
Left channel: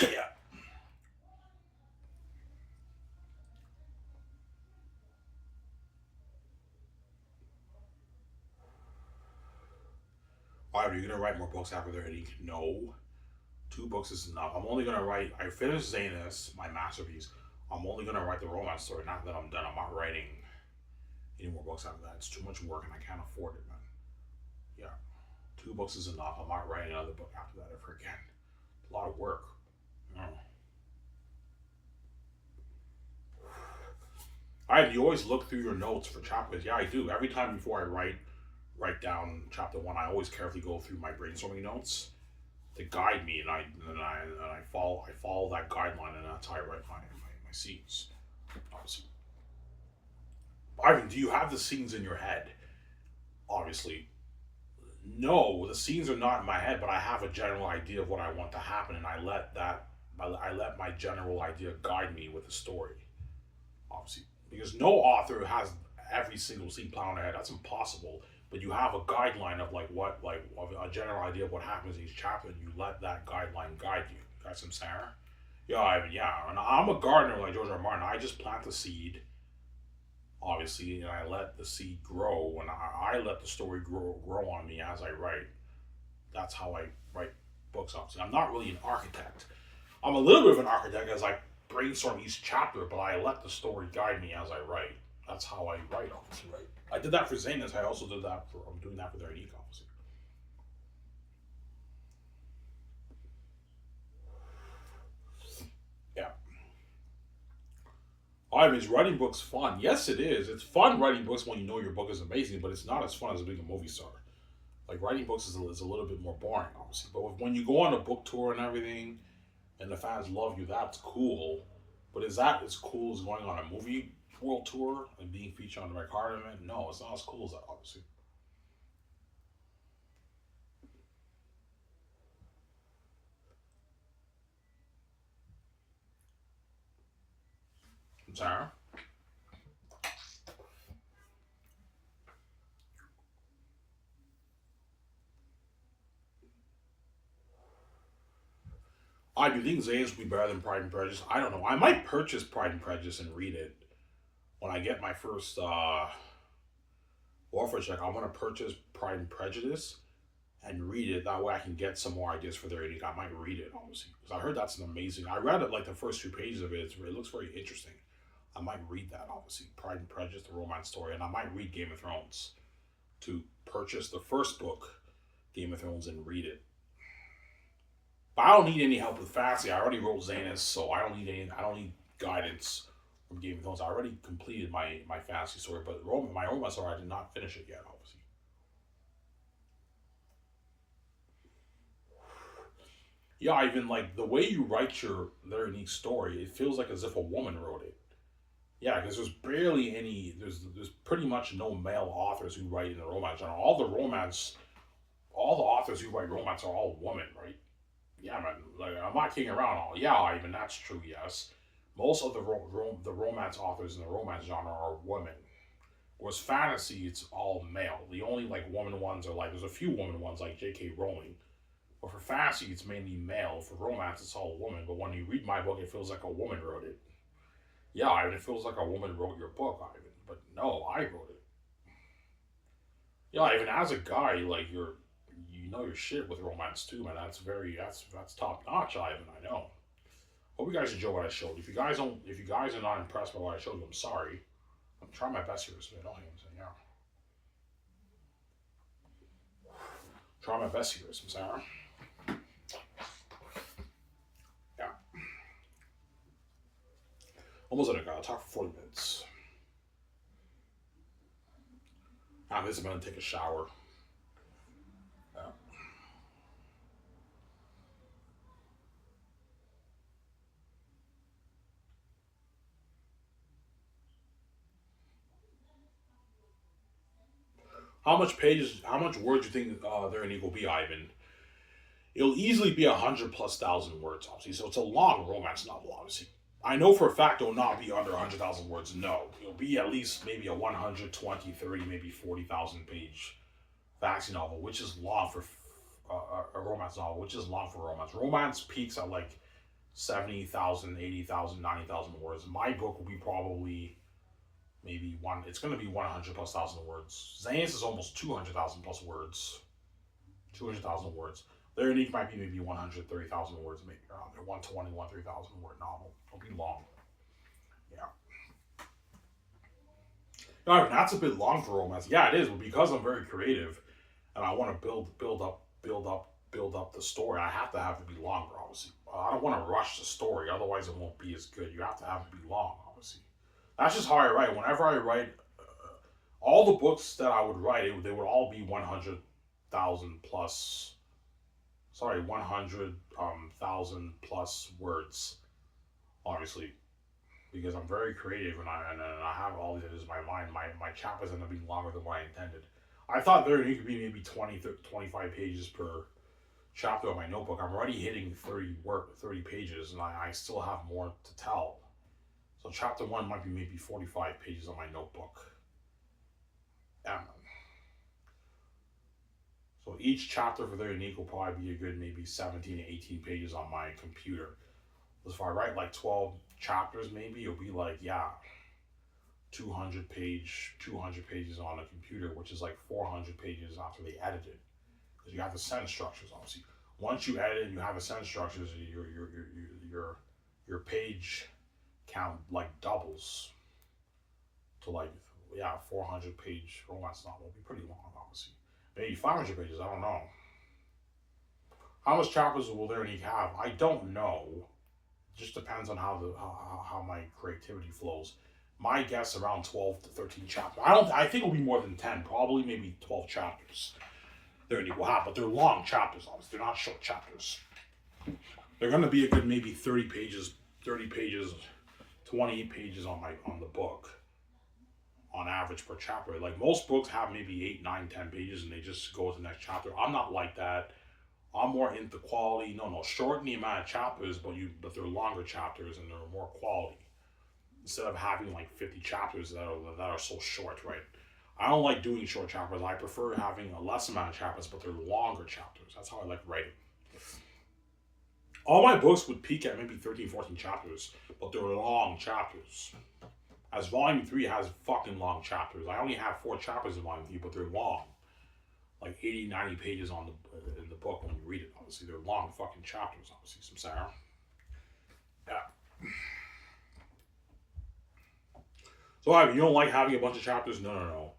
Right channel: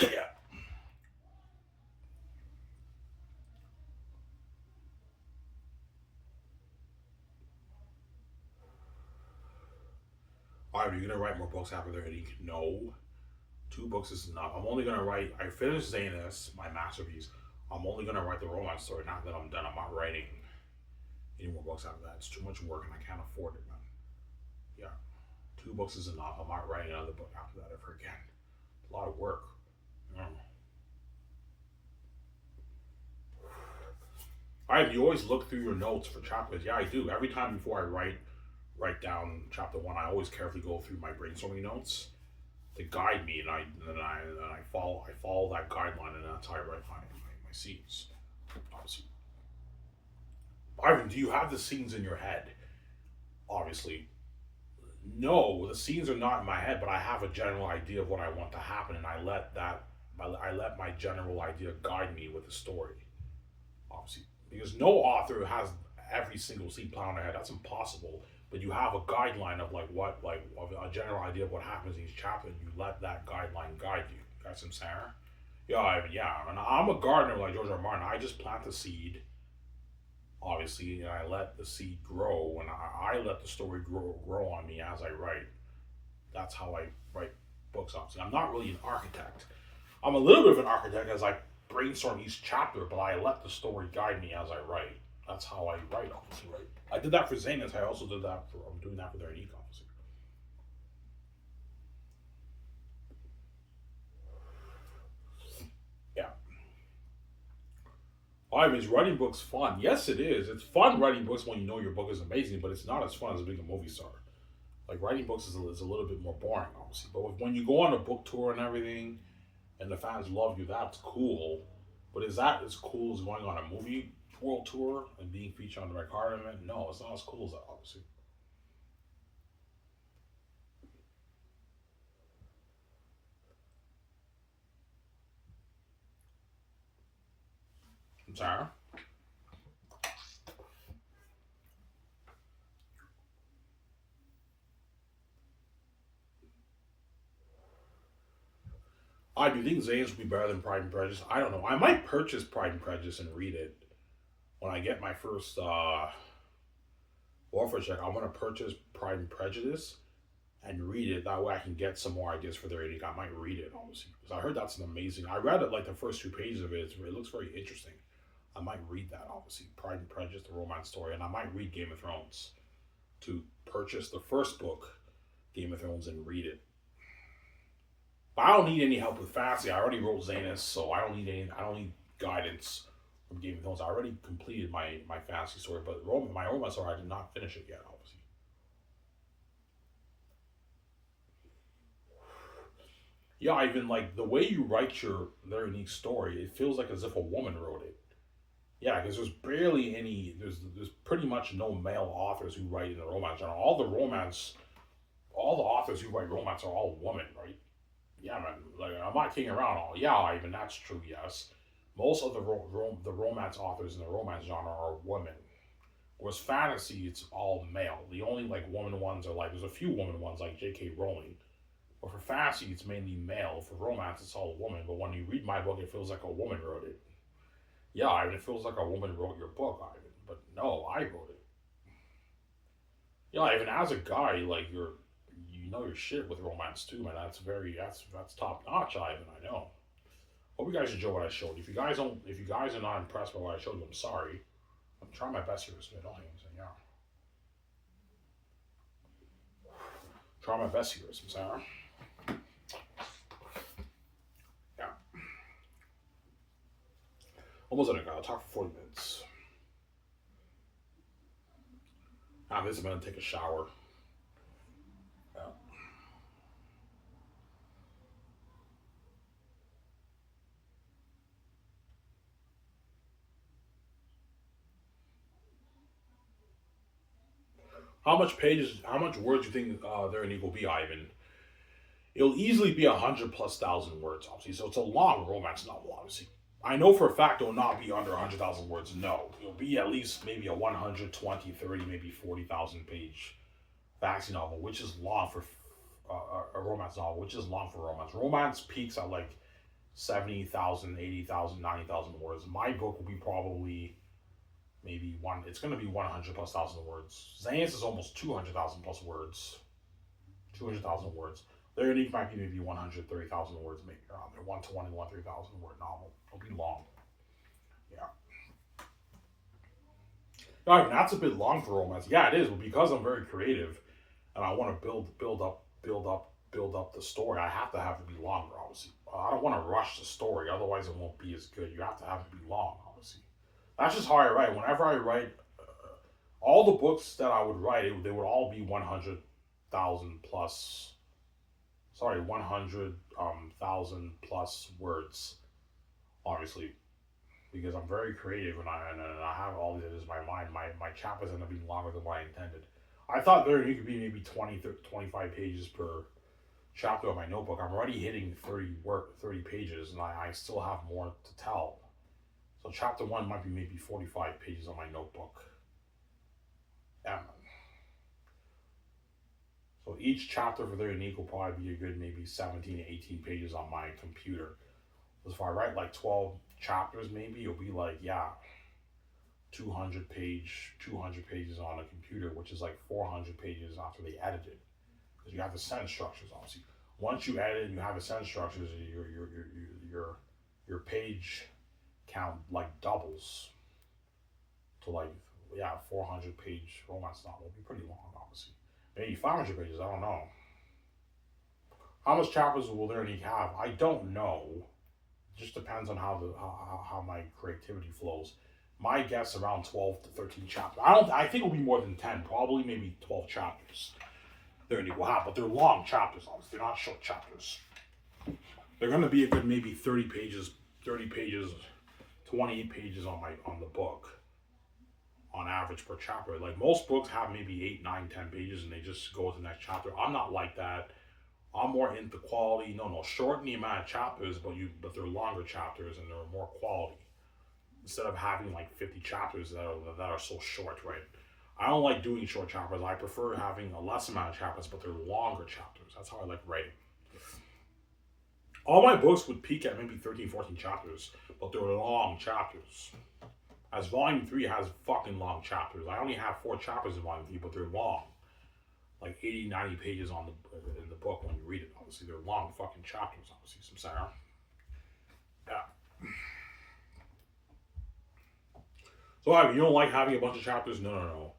Yeah. Are you gonna write more books after they're hitting? No. Two books is enough. I'm only gonna write. I finished Zanus, my masterpiece. I'm only gonna write the romance story. Not that I'm done. I'm not writing any more books after that. It's too much work, and I can't afford it, man. Yeah, two books is enough. I'm not writing another book after that ever again. It's a lot of work. You know. You always look through your notes for chapters. Yeah, I do. Every time before I write down chapter one, I always carefully go through my brainstorming notes to guide me, and I follow that guideline, and that's how I write my scenes. Obviously, Ivan, do you have the scenes in your head? Obviously, no. The scenes are not in my head, but I have a general idea of what I want to happen, and I let my general idea guide me with the story. Obviously, because no author has every single scene planned in their head. That's impossible. But you have a guideline of like a general idea of what happens in each chapter, and you let that guideline guide you. Got some Sarah? Yeah, yeah. And I'm a gardener like George R. R. Martin. I just plant the seed, obviously, and I let the seed grow, and I let the story grow on me as I write. That's how I write books. Obviously, I'm not really an architect. I'm a little bit of an architect as I brainstorm each chapter, but I let the story guide me as I write. That's how I write, obviously, right? I did that for Zanus. I also did that for. I'm doing that for their unique, obviously. Yeah. Is writing books fun? Yes, it is. It's fun writing books when you know your book is amazing, but it's not as fun as being a movie star. Like writing books is a little bit more boring, obviously. But when you go on a book tour and everything, and the fans love you, that's cool. But is that as cool as going on a movie world tour and being featured on the Red Carpet? No, it's not as cool as that, obviously. I'm sorry. I do think Zane's would be better than Pride and Prejudice. I don't know. I might purchase Pride and Prejudice and read it when I get my first offer check. I want to purchase Pride and Prejudice and read it. That way I can get some more ideas for their reading. I might read it, obviously. Because I heard that's an amazing. I read it like the first two pages of it. It looks very interesting. I might read that, obviously. Pride and Prejudice, the romance story. And I might read Game of Thrones to purchase the first book, Game of Thrones, and read it. But I don't need any help with fantasy. I already wrote Zanus, so I don't need guidance from Game of Thrones. I already completed my fantasy story, but my romance story I did not finish it yet, obviously. Yeah, even like the way you write your very unique story, it feels like as if a woman wrote it. Yeah, because there's barely any. There's pretty much no male authors who write in the romance genre. All the romance all the authors who write romance are all women, right? Yeah, man. Like I'm not kidding around. All yeah, even that's true. Yes, most of the romance authors in the romance genre are women. Whereas fantasy, it's all male. The only like woman ones are like there's a few woman ones like J.K. Rowling. But for fantasy, it's mainly male. For romance, it's all woman. But when you read my book, it feels like a woman wrote it. Yeah, Ivan, it feels like a woman wrote your book, Ivan. But no, I wrote it. Yeah, even as a guy, like you know your shit with romance too, man. That's top notch, Ivan. I know. Hope you guys enjoy what I showed. If you guys are not impressed by what I showed you, I'm sorry. I'm trying my best here, so I don't hang saying yeah. Try my best here, some Sarah. Yeah. Almost at a guy. I'll talk for 40 minutes. After this, I'm gonna take a shower. Yeah. How much pages? How much words do you think there in Eagle be, Ivan? It'll easily be 100,000+ words, obviously. So it's a long romance novel, obviously. I know for a fact it will not be under 100,000 words. No, it'll be at least maybe a 120, 30, maybe 40,000 page fantasy novel, which is long for a romance novel, which is long for romance. Romance peaks at like 70,000, 80,000, 90,000 words. My book will be probably maybe one. It's going to be 100,000+ words. Zane's is almost 200,000+ words. 200,000 words. Their unique might be maybe 130,000 words, maybe around there. 120, 130,000 word novel. It'll be long. Yeah. No, I mean, that's a bit long for romance. Yeah, it is, but because I'm very creative and I want to build up the story, I have to have it be longer, obviously. I don't want to rush the story, otherwise it won't be as good. You have to have it be long, obviously. That's just how I write. Whenever I write, all the books that I would write, they would all be 100,000 plus. Sorry, 100,000+ words, obviously, because I'm very creative and I have all these in my mind. My chapters end up being longer than what I intended. I thought there could be maybe 20, 25 pages per chapter of my notebook. I'm already hitting 30 pages, and I still have more to tell. So chapter one might be maybe 45 pages on my notebook. Yeah. So each chapter for their unique will probably be a good maybe 17 to 18 pages on my computer. If I write like 12 chapters, maybe it'll be like, yeah, 200 pages on a computer, which is like 400 pages after they edit it. Because you have the sentence structures, obviously. Once you edit and you have the sentence structures, your page count like doubles to like, yeah, 400 page romance novel. It'll be pretty long, obviously. Maybe 500 pages, I don't know. How much chapters will there need to have? I don't know. It just depends on how my creativity flows. My guess around 12 to 13 chapters. I think it'll be more than 10, probably maybe 12 chapters. They're will have, but they're long chapters, obviously. They're not short chapters. They're gonna be a good maybe 30 pages, 28 pages on the book on average per chapter. Like most books have maybe 8, 9, 10 pages and they just go to the next chapter. I'm not like that. I'm more into quality. No, shorten the amount of chapters, but they're longer chapters and they're more quality. Instead of having like 50 chapters that are so short, right? I don't like doing short chapters. I prefer having a less amount of chapters, but they're longer chapters. That's how I like writing. All my books would peak at maybe 13, 14 chapters, but they're long chapters. As Volume 3 has fucking long chapters. I only have 4 chapters in Volume 3, but they're long. Like 80, 90 pages in the book when you read it. Obviously, they're long fucking chapters, obviously, some Sarah. Yeah. So, I mean, you don't like having a bunch of chapters? No.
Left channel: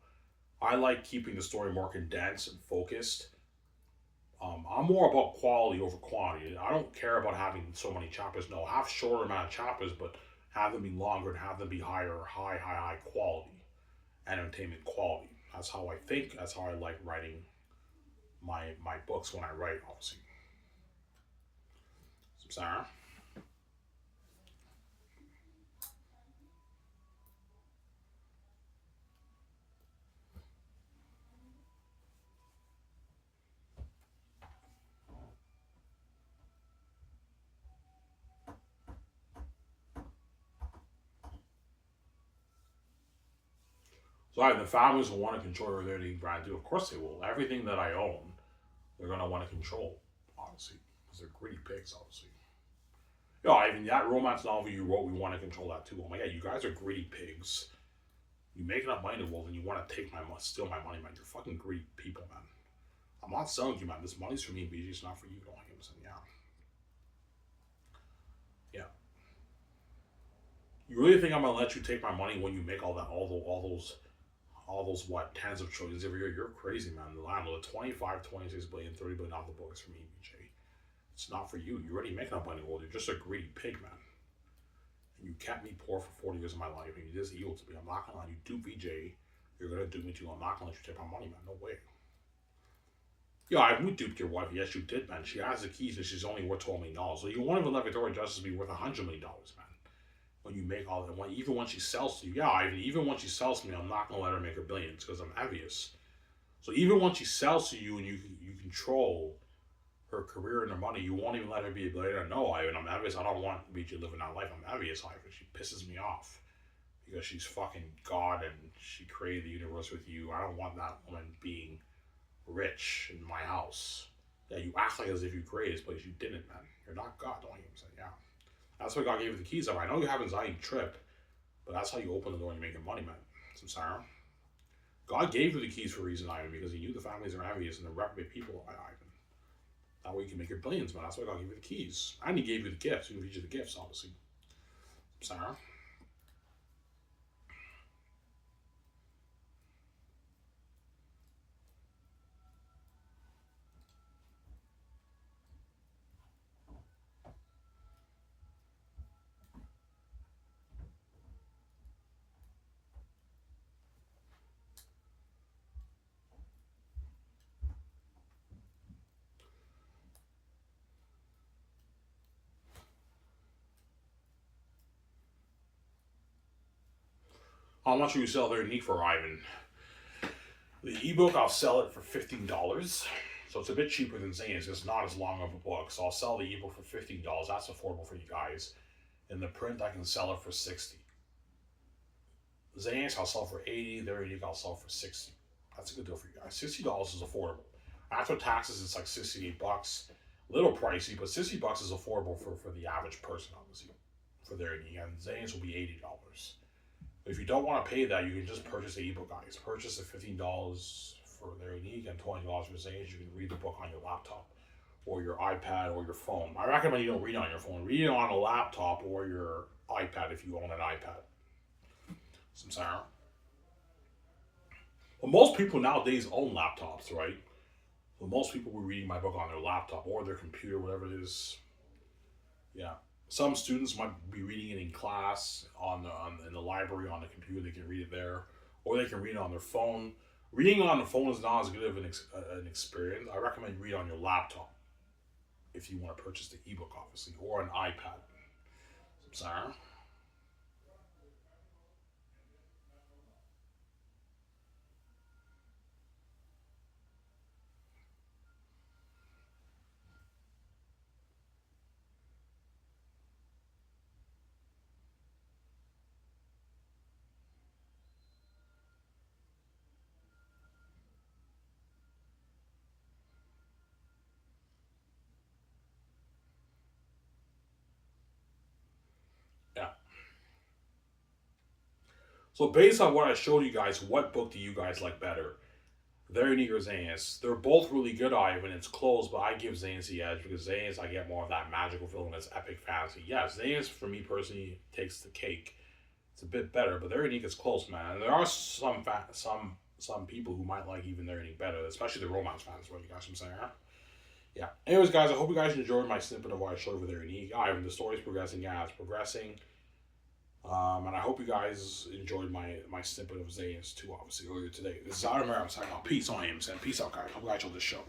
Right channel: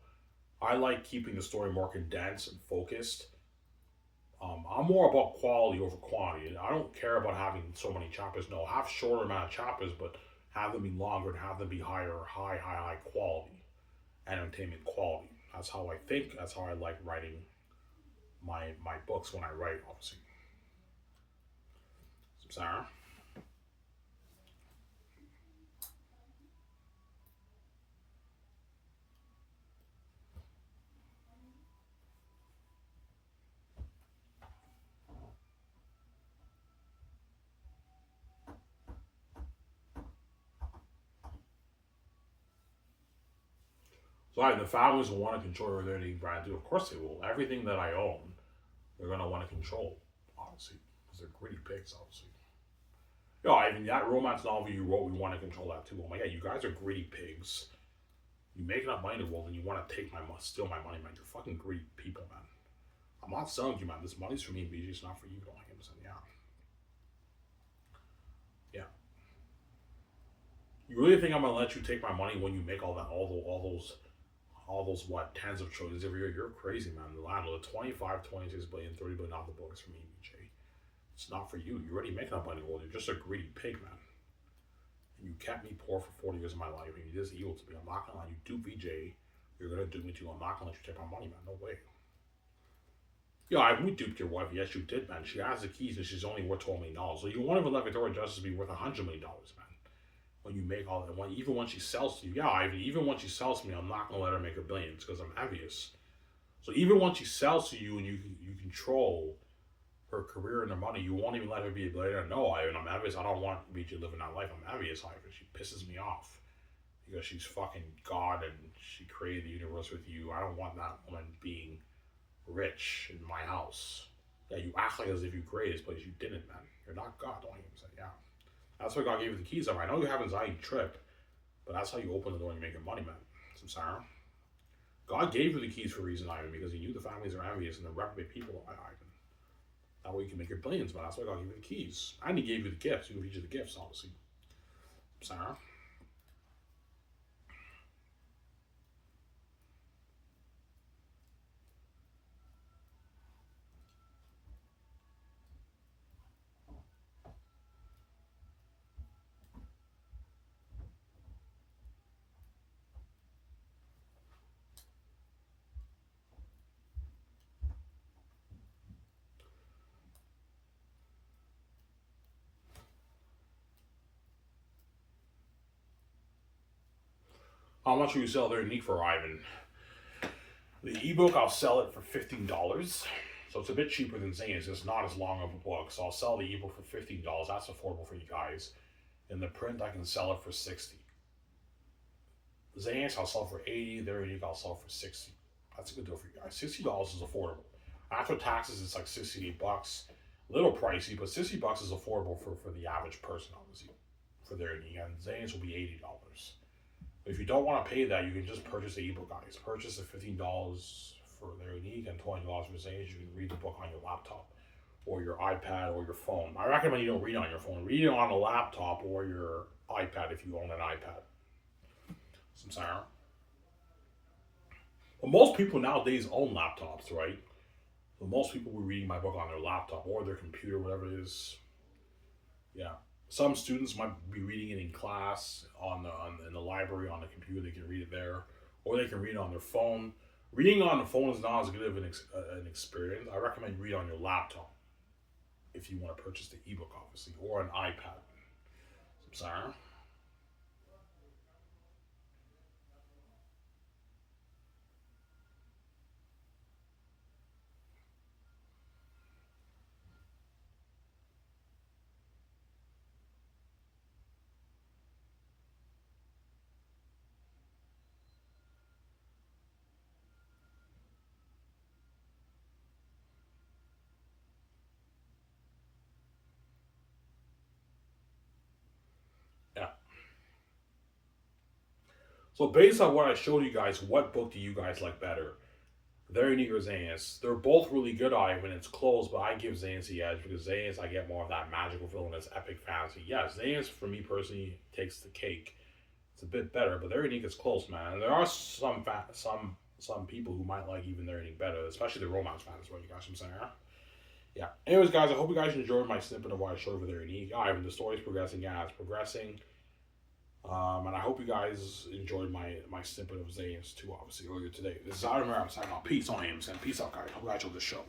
I like keeping the story more condensed and focused. I'm more about quality over quantity. I don't care about having so many chapters. No, have shorter amount of chapters, but have them be longer and have them be high quality, entertainment quality. That's how I think. That's how I like writing my books when I write, obviously. Sarah. So the families will want to control their dating brand too. Of course they will. Everything that I own, they're gonna want to control, obviously, because they're greedy pigs, obviously. Yeah, I mean that romance novel you wrote, we want to control that too. Oh my god, you guys are greedy pigs. You make enough money to Wolf and you want to take my money, steal my money, man. You're fucking greedy people, man. I'm not selling you, man. This money's for me, BG. It's not for you. Don't like him. Yeah. Yeah. You really think I'm gonna let you take my money when you make all those what tens of trillions every year? You're crazy, man. The landlord, 25, 26 billion, 30 billion off the books for me, BJ. It's not for you. You already make enough money. Well, you're just a greedy pig, man. You kept me poor for 40 years of my life, and you did this evil to me. I'm not gonna let you do BJ. You're gonna do me too. I'm not gonna let you take my money, man. No way. Yeah, we duped your wife. Yes, you did, man. She has the keys, and she's only worth $12 million. So you won't even let Victoria Justice be worth $100 million, man. When you make all that, even when she sells to you, even when she sells to me, I'm not gonna let her make billions because I'm envious. So even when she sells to you and you control her career and her money, you won't even let her be a billionaire. No, I'm envious. I don't want BJ living that life. I'm envious, Ivan. She pisses me off because she's fucking God and she created the universe with you. I don't want that woman being rich in my house. Yeah, you act like as if you created this place. You didn't, man. You're not God, don't you? Say, yeah. That's why God gave you the keys. I know you have anxiety trip, but that's how you open the door and you're making money, man. Samsara. God gave you the keys for a reason, Ivan, because he knew the families are envious and they're reprobate people, Ivan. That way you can make your billions, man. That's why God gave you the keys. And he gave you the gifts. He gave you the gifts, obviously. Samsara. How much will you sell their unique for, Ivan? The ebook, I'll sell it for $15. So it's a bit cheaper than Zane's. It's not as long of a book. So I'll sell the ebook for $15. That's affordable for you guys. In the print, I can sell it for $60. Zane's, I'll sell for $80. Their unique, I'll sell for $60. That's a good deal for you guys. $60 is affordable. After taxes, it's like $68. A little pricey, but $60 is affordable for the average person, obviously, for their unique. And Zane's will be $80. If you don't want to pay that, you can just purchase the ebook, guys. Purchase the $15 for their unique and $20 for Zane's. You can read the book on your laptop or your iPad or your phone. I recommend you don't read on your phone. Read it on a laptop or your iPad if you own an iPad. Samsara. Well, most people nowadays own laptops, right? Well, most people will be reading my book on their laptop or their computer, whatever it is. Yeah. Some students might be reading it in class in the library on the computer. They can read it there, or they can read it on their phone. Reading on the phone is not as good of an experience. I recommend you read on your laptop if you want to purchase the ebook, obviously, or an iPad. Sorry. Yeah. So based on what I showed you guys, what book do you guys like better? Very neat or Zane's. They're both really good, Ivan. It's close, but I give Zane's the edge because Zane's I get more of that magical feeling, that's epic fantasy. Yes, Zane's for me personally takes the cake. It's a bit better, but their unique is close, man. And there are some people who might like even their unique better, especially the romance fans. What you guys from saying? Huh? Yeah. Anyways, guys, I hope you guys enjoyed my snippet of what I showed with their unique. Ivan, the story's progressing. Yeah, it's progressing. And I hope you guys enjoyed my snippet of Zane's too, obviously, earlier today. This is Adam. I'm signing off. Peace on him, and peace out, guys. Hope you guys enjoyed this show.